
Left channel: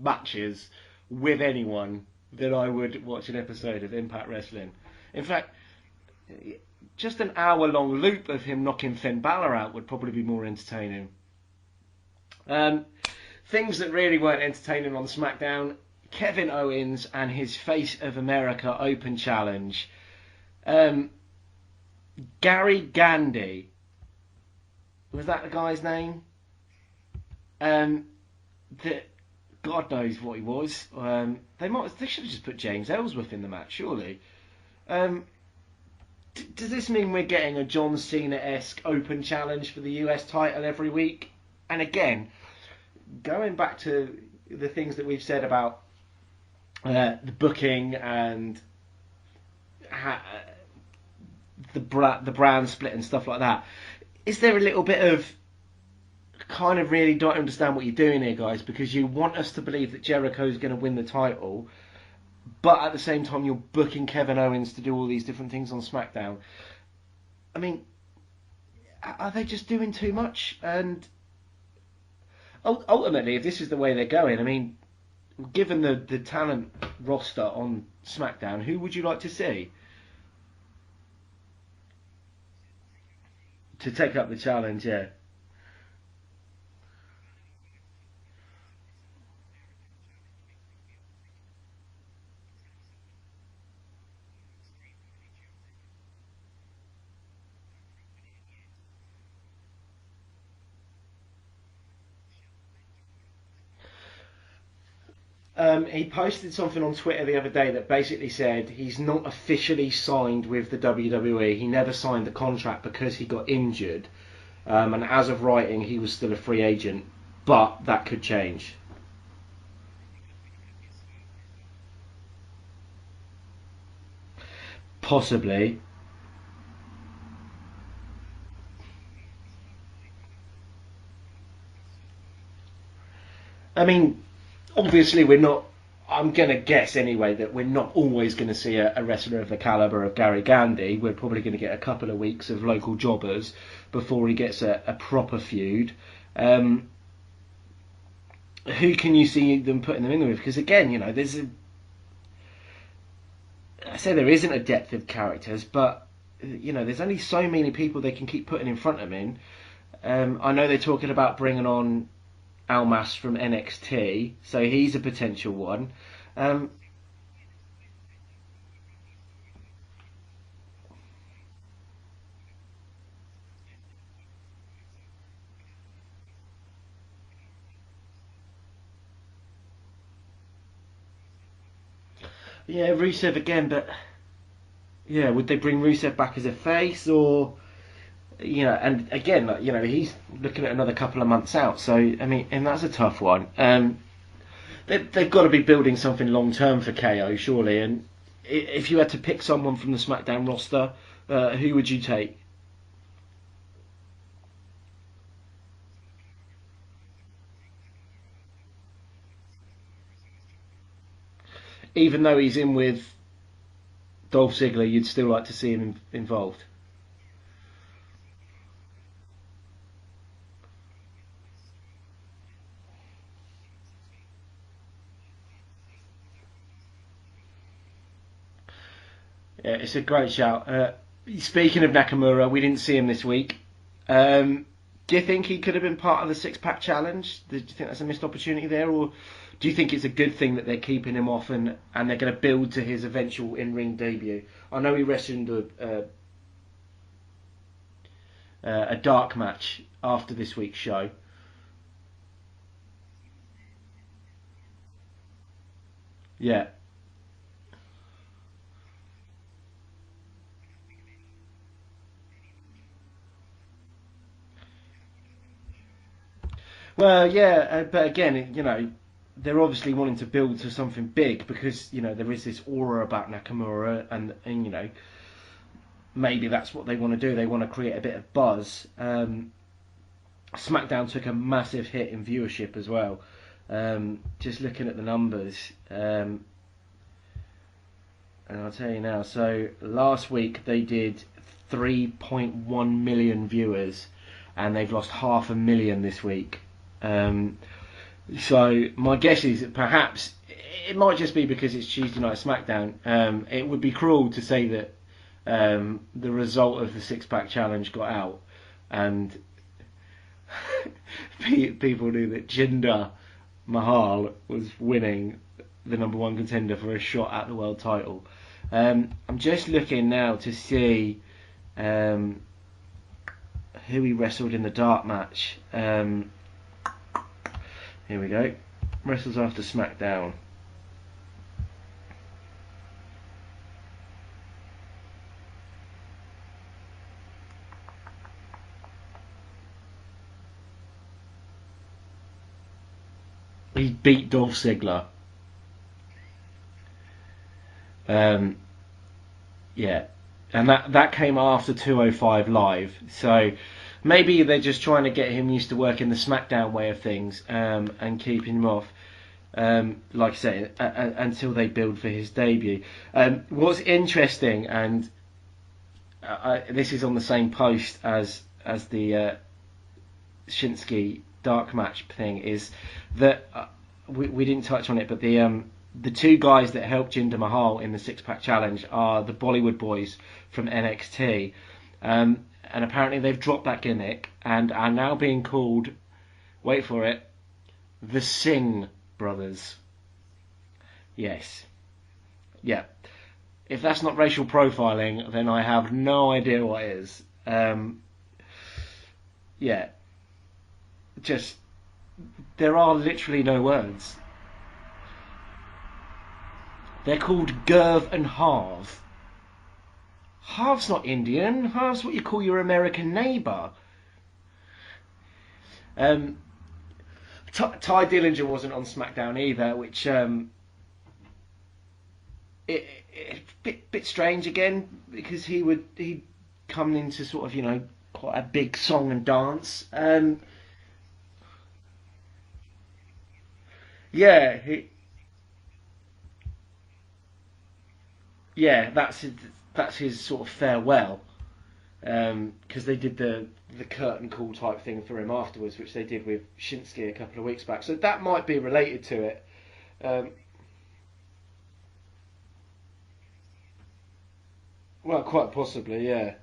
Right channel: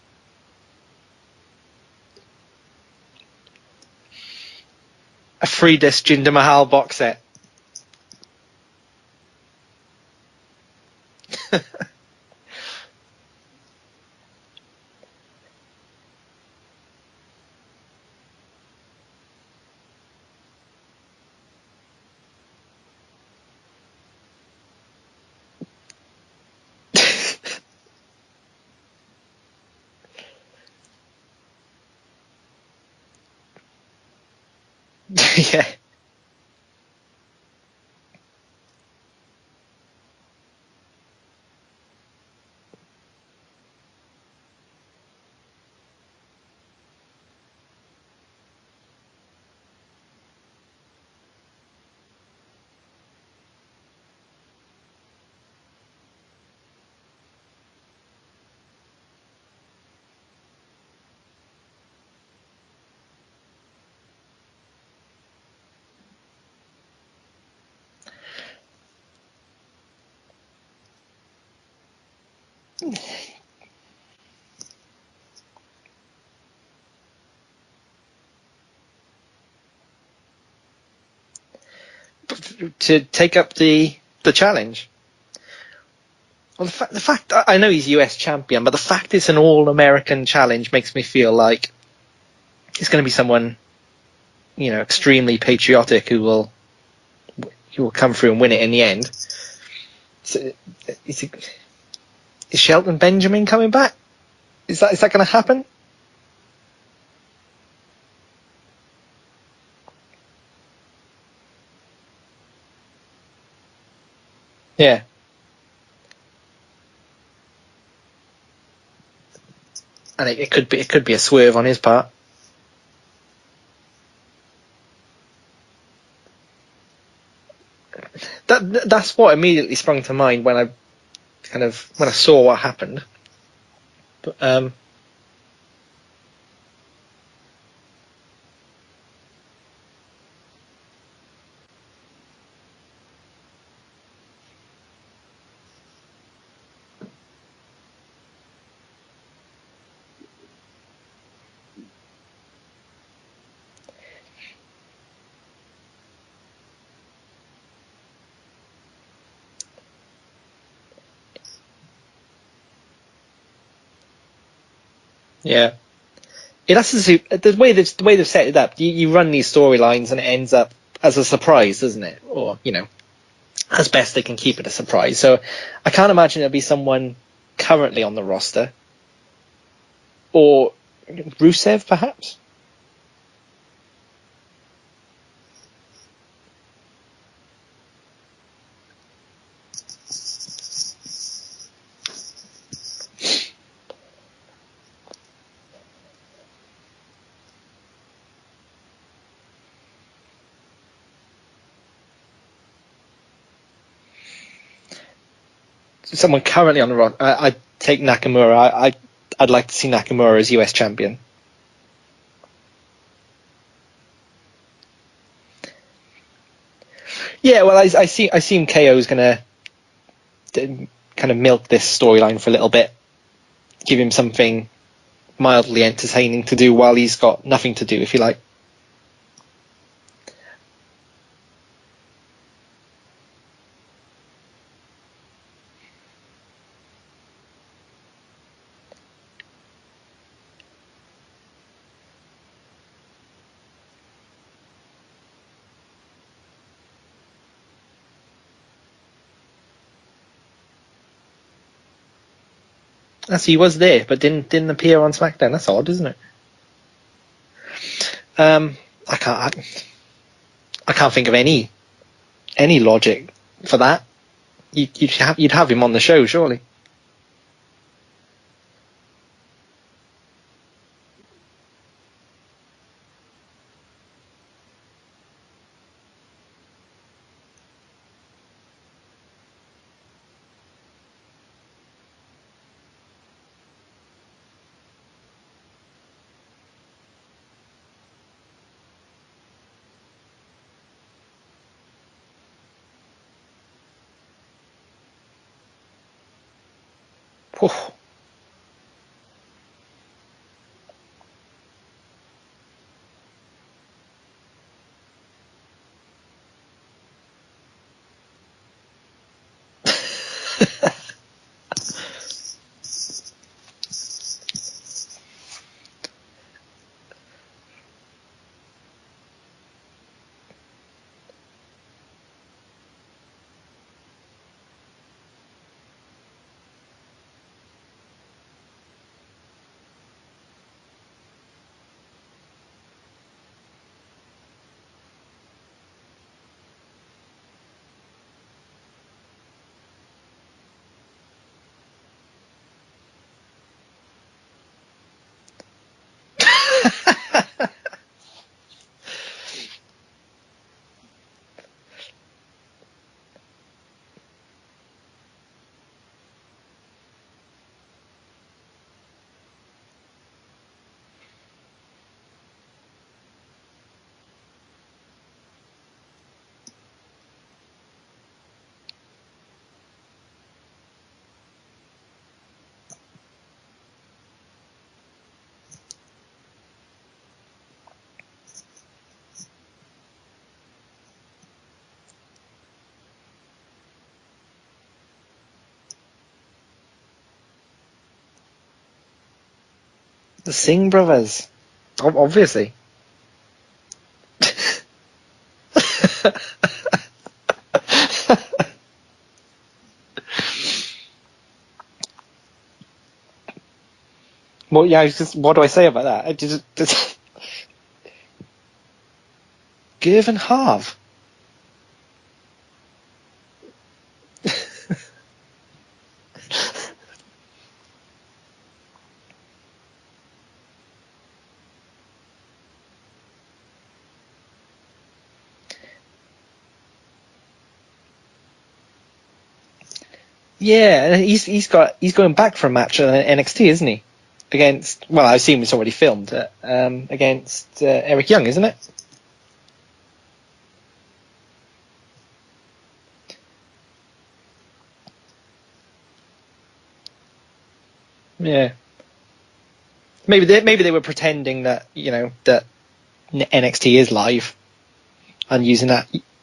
matches with anyone than I would watch an episode of Impact Wrestling. In fact, a 3-disc Jinder Mahal box set. Just an hour-long loop of him knocking Finn Balor out would probably be more entertaining. Things that really weren't entertaining on SmackDown: Kevin Owens and his Face of America Open Challenge. Gary Gandy, was that the guy's name? God knows what he was. They should have just put James Ellsworth in the match, surely. Yeah. Does this mean we're getting a John Cena-esque Open Challenge for the US title every week? And again, going back to the things that we've said about the booking and the brand split and stuff like that, is there a little bit of kind of really don't understand what you're doing here, guys, because you want us to believe that Jericho's going to win the title, but at the same time you're booking Kevin Owens to do all these different things on SmackDown? I mean, are they just doing too much? And ultimately, if this is the way they're going, given the talent roster on SmackDown, who would you like to see to take up the challenge? Yeah. Well, the fact I know he's US champion, but the fact it's an all-American challenge makes me feel like it's going to be someone, extremely patriotic who will come through and win it in the end. So, is Shelton Benjamin coming back? Is that going to happen? He posted something on Twitter the other day that basically said he's not officially signed with the WWE. He never signed the contract because he got injured. And as of writing, he was still a free agent, but that could change. And it could be a swerve on his part. Possibly. That's what immediately sprung to mind when I saw what happened. Obviously we're not. I'm gonna guess anyway that we're not always going to see a wrestler of the caliber of Gary Gandy. We're probably going to get a couple of weeks of local jobbers before he gets a proper feud. Who can you see them putting them in with? Because again, I say there isn't a depth of characters, but there's only so many people they can keep putting in front of him. I know they're talking about bringing on Almas from NXT, so he's a potential one. That's the way they've set it up. You run these storylines and it ends up as a surprise, doesn't it? Or as best they can keep it a surprise. So I can't imagine it'll be someone currently on the roster, or Rusev perhaps. Yeah, Rusev again, but Yeah, would they bring Rusev back as a face, or and again, he's looking at another couple of months out. So I mean, and that's a tough one. They've got to be building something long term for KO, surely. And if you had to pick someone from the SmackDown roster, who would you take? Someone currently on the roster, I'd take Nakamura. I'd like to see Nakamura as US champion. Even though he's in with Dolph Ziggler, you'd still like to see him involved. Yeah, well, I see him KO's going to kind of milk this storyline for a little bit, give him something mildly entertaining to do while he's got nothing to do, if you like. Yeah, it's a great shout. Speaking of Nakamura, we didn't see him this week. Do you think he could have been part of the six-pack challenge? Do you think that's a missed opportunity there, or do you think it's a good thing that they're keeping him off and they're going to build to his eventual in-ring debut? I know he wrestled a dark match after this week's show. As he was there, but didn't appear on SmackDown. That's odd, isn't it? Yeah. I can't think of any logic for that. You'd have him on the show, surely. Well, yeah, but again, they're obviously wanting to build to something big because there is this aura about Nakamura, and maybe that's what they want to do. They want to create a bit of buzz. SmackDown took a massive hit in viewership as well. Just looking at the numbers, and I'll tell you now. So last week they did 3.1 million viewers, and they've lost 500,000 this week. So my guess is that perhaps it might just be because it's Tuesday Night SmackDown. It would be cruel to say that the result of the six-pack challenge got out, and people knew that Jinder Mahal was winning the number one contender for a shot at the world title. I'm just looking now to see who he wrestled in the dark match. Here we go. Wrestles after SmackDown. He beat Dolph Ziggler. Yeah, and that came after 205 Live. So maybe they're just trying to get him used to working the SmackDown way of things, and keeping him off, like I say, until they build for his debut. What's interesting, and this is on the same post as the Shinsuke dark match thing, is that we didn't touch on it, but the two guys that helped Jinder Mahal in the six-pack challenge are the Bollywood boys from NXT, and apparently they've dropped that gimmick and are now being called, wait for it, the Singh Brothers. The Singh Brothers? Yes. Obviously. Yeah. If that's not racial profiling, then I have no idea what it is. Yeah. Just, there are literally no words. Well, yeah, what do I say about that? They're called Gerv and Harv. Gerv and Harv? Harv's not Indian. Harv's what you call your American neighbour. Ty Dillinger wasn't on SmackDown either, which bit strange again, because he'd come into sort of quite a big song and dance. Yeah, and he's going back for a match at NXT, isn't he? Yeah. Against, well, I assume it's already filmed, against Eric Young, isn't it? Yeah, that's his sort of farewell, because they did the curtain call type thing for him afterwards, which they did with Shinsuke a couple of weeks back. So that might be related to it. Maybe they were pretending that that NXT is live. Well, quite and using that. Yeah.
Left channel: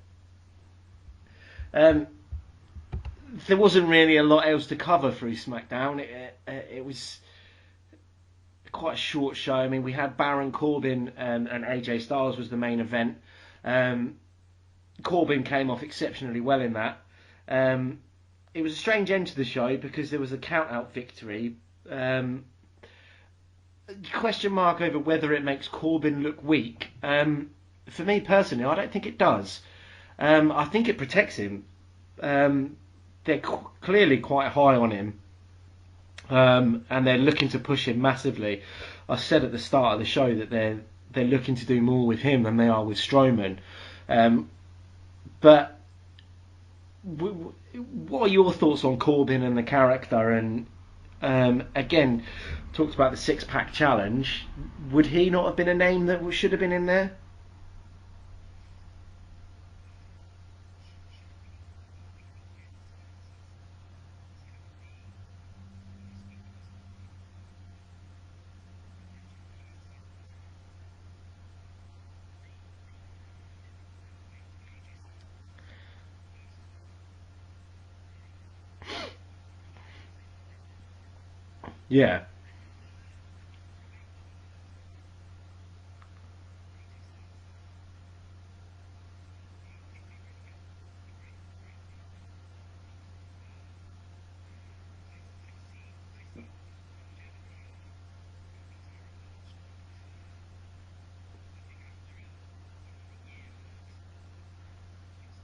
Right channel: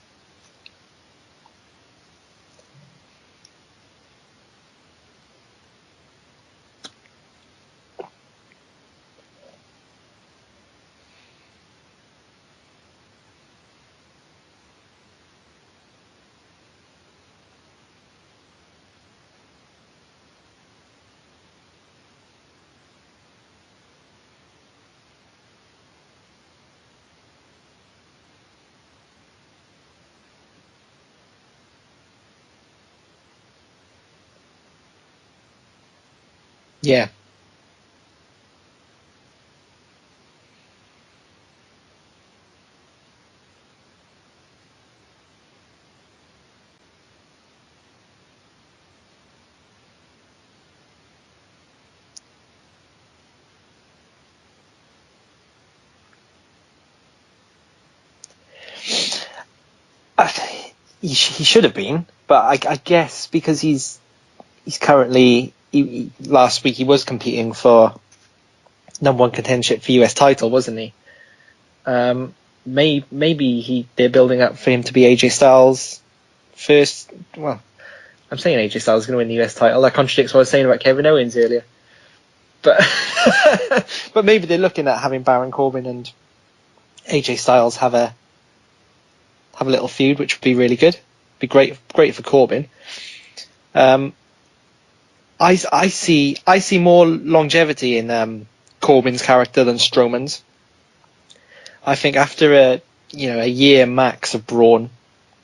There wasn't really a lot else to cover through SmackDown. It was quite a short show. I mean, we had Baron Corbin and AJ Styles was the main event. Corbin came off exceptionally well in that. It was a strange end to the show because there was a count-out victory. Question mark over whether it makes Corbin look weak. for me personally, I don't think it does. I think it protects him. They're clearly quite high on him, and they're looking to push him massively. I said at the start of the show that they're looking to do more with him than they are with Strowman. But what are your thoughts on Corbin and the character? And again, talked about the six-pack challenge. Would he not have been a name that should have been in there? He should have been, but I guess because he's currently last week he was competing for number one contendership for US title, wasn't he? Maybe they're building up for him to be AJ Styles first. Well, I'm saying AJ Styles is going to win the US title. That contradicts what I was saying about Kevin Owens earlier. Yeah, but but maybe they're looking at having Baron Corbin and AJ Styles have a little feud, which would be really good. Be great for Corbin. I see more longevity in Corbin's character than Strowman's. I think after a year max of Braun,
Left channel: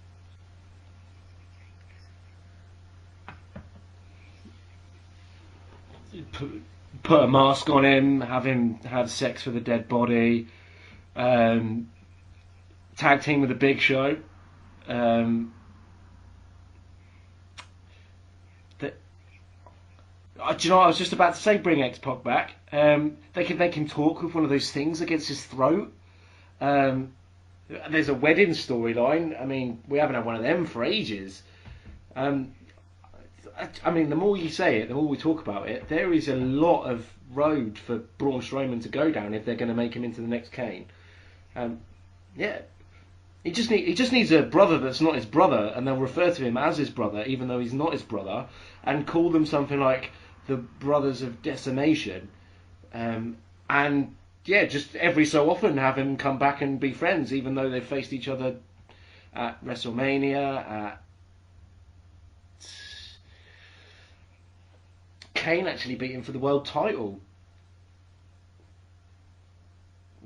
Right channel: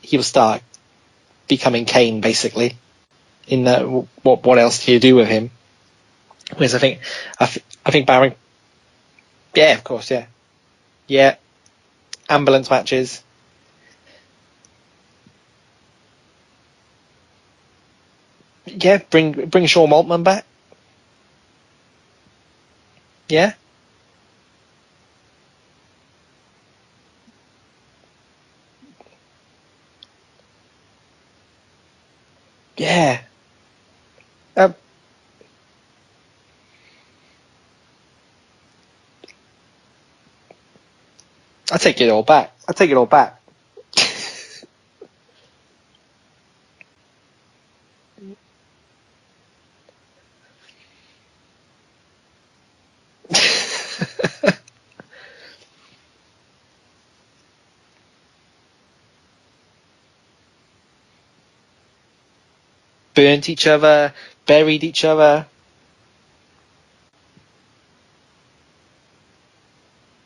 he'll start becoming Kane basically. In that, what else do you do with him? Whereas I think put a mask on him, have him have sex with a dead body. Yeah. Ambulance matches. Tag team with a Big Show. Bring Shawn Maltman back. Do you know what I was just about to say? Bring X-Pac back. If they can talk with one of those things against his throat. There's a wedding storyline. I mean, we haven't had one of them for ages. I mean, the more you say it, the more we talk about it. There is a lot of road for Braun Strowman to go down if they're going to make him into the next Kane. I take it all back. I take it all back. He just needs a brother that's not his brother, and they'll refer to him as his brother, even though he's not his brother, and call them something like the Brothers of Decimation. And just every so often have him come back and be friends, even though they faced each other at WrestleMania, burnt each other, buried each other. Kane actually beat him for the world title,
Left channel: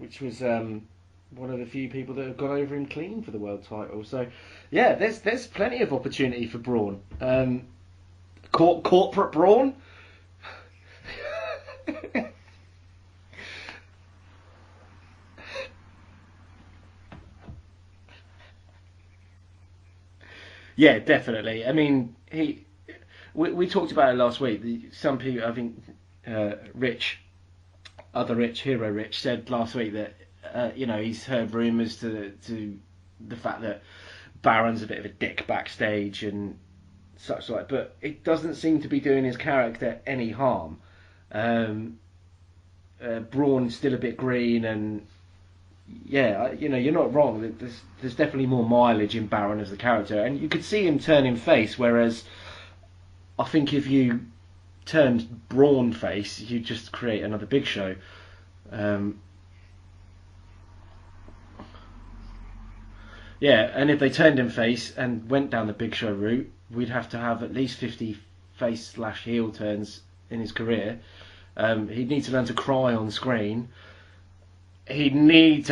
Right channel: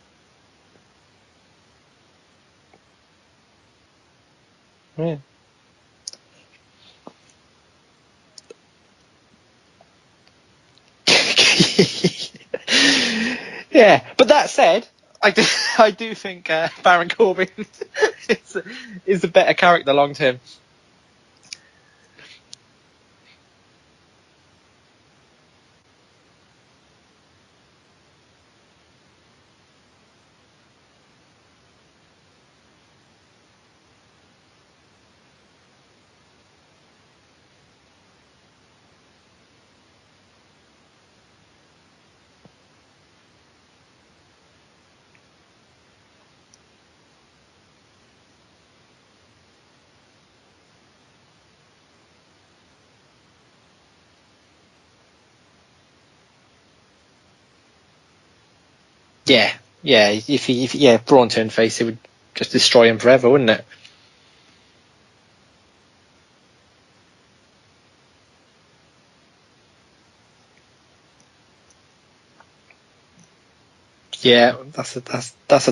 which was one of the few people that have gone over him clean for the world title. So, there's plenty of opportunity for Braun. Corporate Braun. Yeah, but that said, I do think Baron Corbin is a better character long term. Yeah, definitely. I mean, we talked about it last week. Some people, I think, Hero Rich, said last week that he's heard rumours to the fact that Baron's a bit of a dick backstage and such like, but it doesn't seem to be doing his character any harm. Braun's still a bit green, and you're not wrong. There's definitely more mileage in Baron as a character, and you could see him turning face. Whereas, I think if you turned Braun face, you just create another Big Show. If Braun turned face, it would just destroy him forever, wouldn't it? Yeah, and if they turned him face and went down the Big Show route, we'd have to have at least 50 face/heel turns in his career. He'd need to learn to cry on screen. Yeah, that's a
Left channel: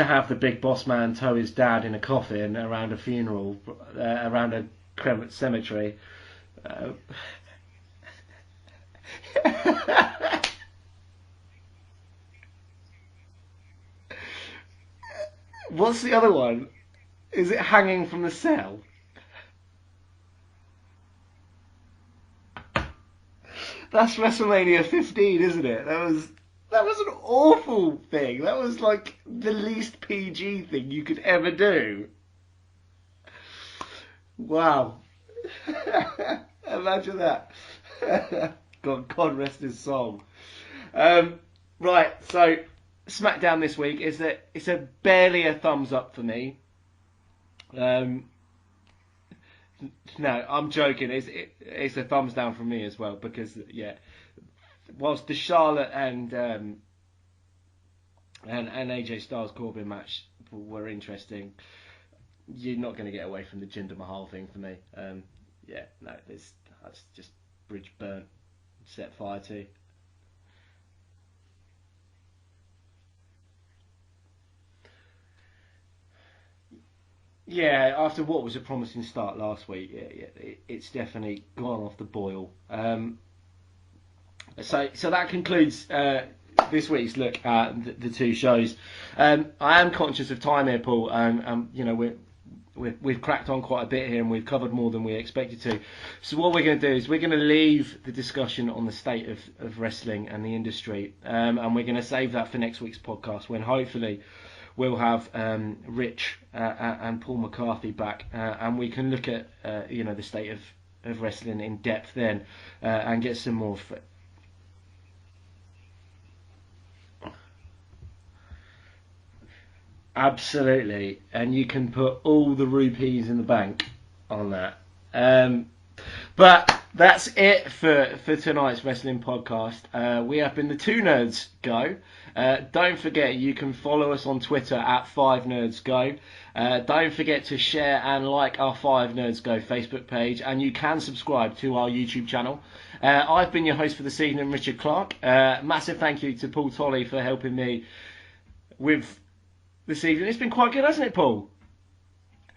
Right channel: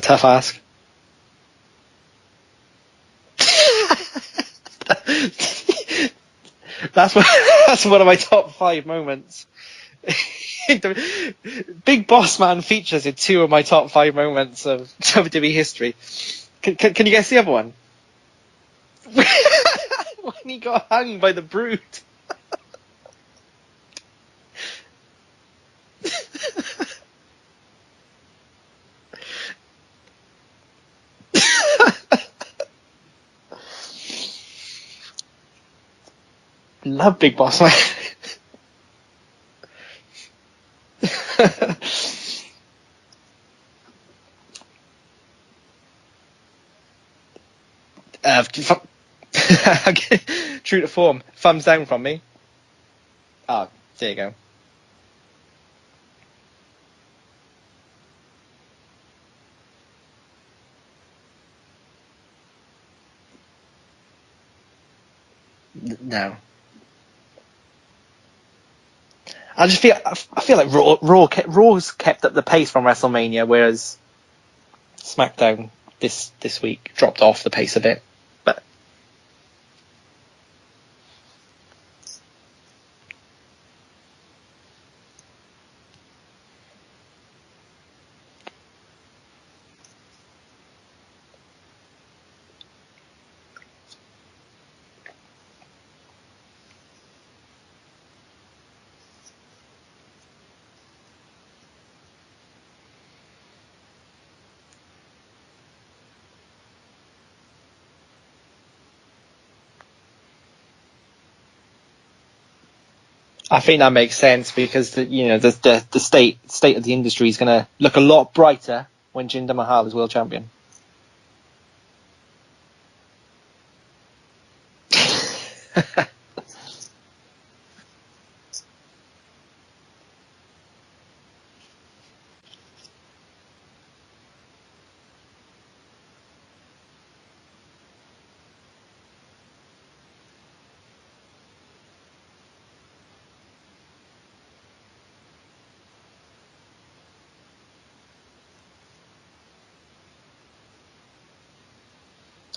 tough ask. The big boss man tow his dad in a coffin around a funeral, around a credit cemetery. That's one of my top 5 moments. Big Boss Man features in 2 of my top 5 moments of WWE history. What's the other one? Can you guess the other one? Hanging from the cell. When he got hung by the Brood. That's WrestleMania 15, isn't it? That was an awful thing. That was like the least PG thing you could ever do. Wow. Love Big Boss Man. God rest his soul. Right, so SmackDown this week it's a barely a thumbs up for me. I'm true to form. Thumbs down from me. Thumbs down from me as well because there you go. Whilst the Charlotte and AJ Styles Corbin match were interesting, you're not going to get away from the Jinder Mahal thing for me. No. That's just bridge burnt. Set fire to it. I feel like Raw's kept up the pace from WrestleMania, whereas SmackDown this week dropped off the pace a bit. After what was a promising start last week, it's definitely gone off the boil. So that concludes this week's look at the two shows. I am conscious of time here, Paul, and we've cracked on quite a bit here, and we've covered more than we expected to. So what we're going to do is we're going to leave the discussion on the state of wrestling and the industry, and we're going to save that for next week's podcast, when hopefully we'll have Rich and Paul McCarthy back, and we can look at the state of wrestling in depth then, and get some. I think that makes sense, because the state of the industry is going to look a lot brighter when Jinder Mahal is world champion. Absolutely, and you can put all the rupees in the bank on that. But that's it for tonight's wrestling podcast. We have been the Two Nerds Go. Don't forget, you can follow us on Twitter at 5NerdsGo. Don't forget to share and like our 5NerdsGo Facebook page, and you can subscribe to our YouTube channel. I've been your host for this evening, Richard Clark. Massive thank you to Paul Tolley for helping me with this evening. It's been quite good, hasn't it, Paul?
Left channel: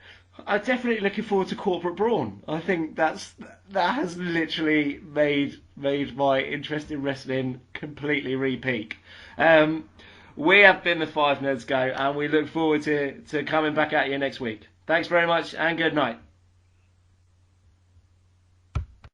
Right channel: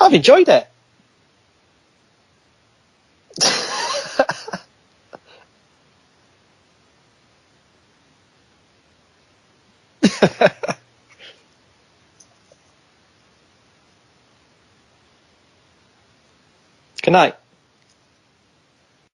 I've enjoyed it. I'm definitely looking forward to Corporate Brawn. I think that has literally made my interest in wrestling completely re-peak. We have been the 5Nerds Go, and we look forward to coming back at you next week. Thanks very much, and good night. Good night.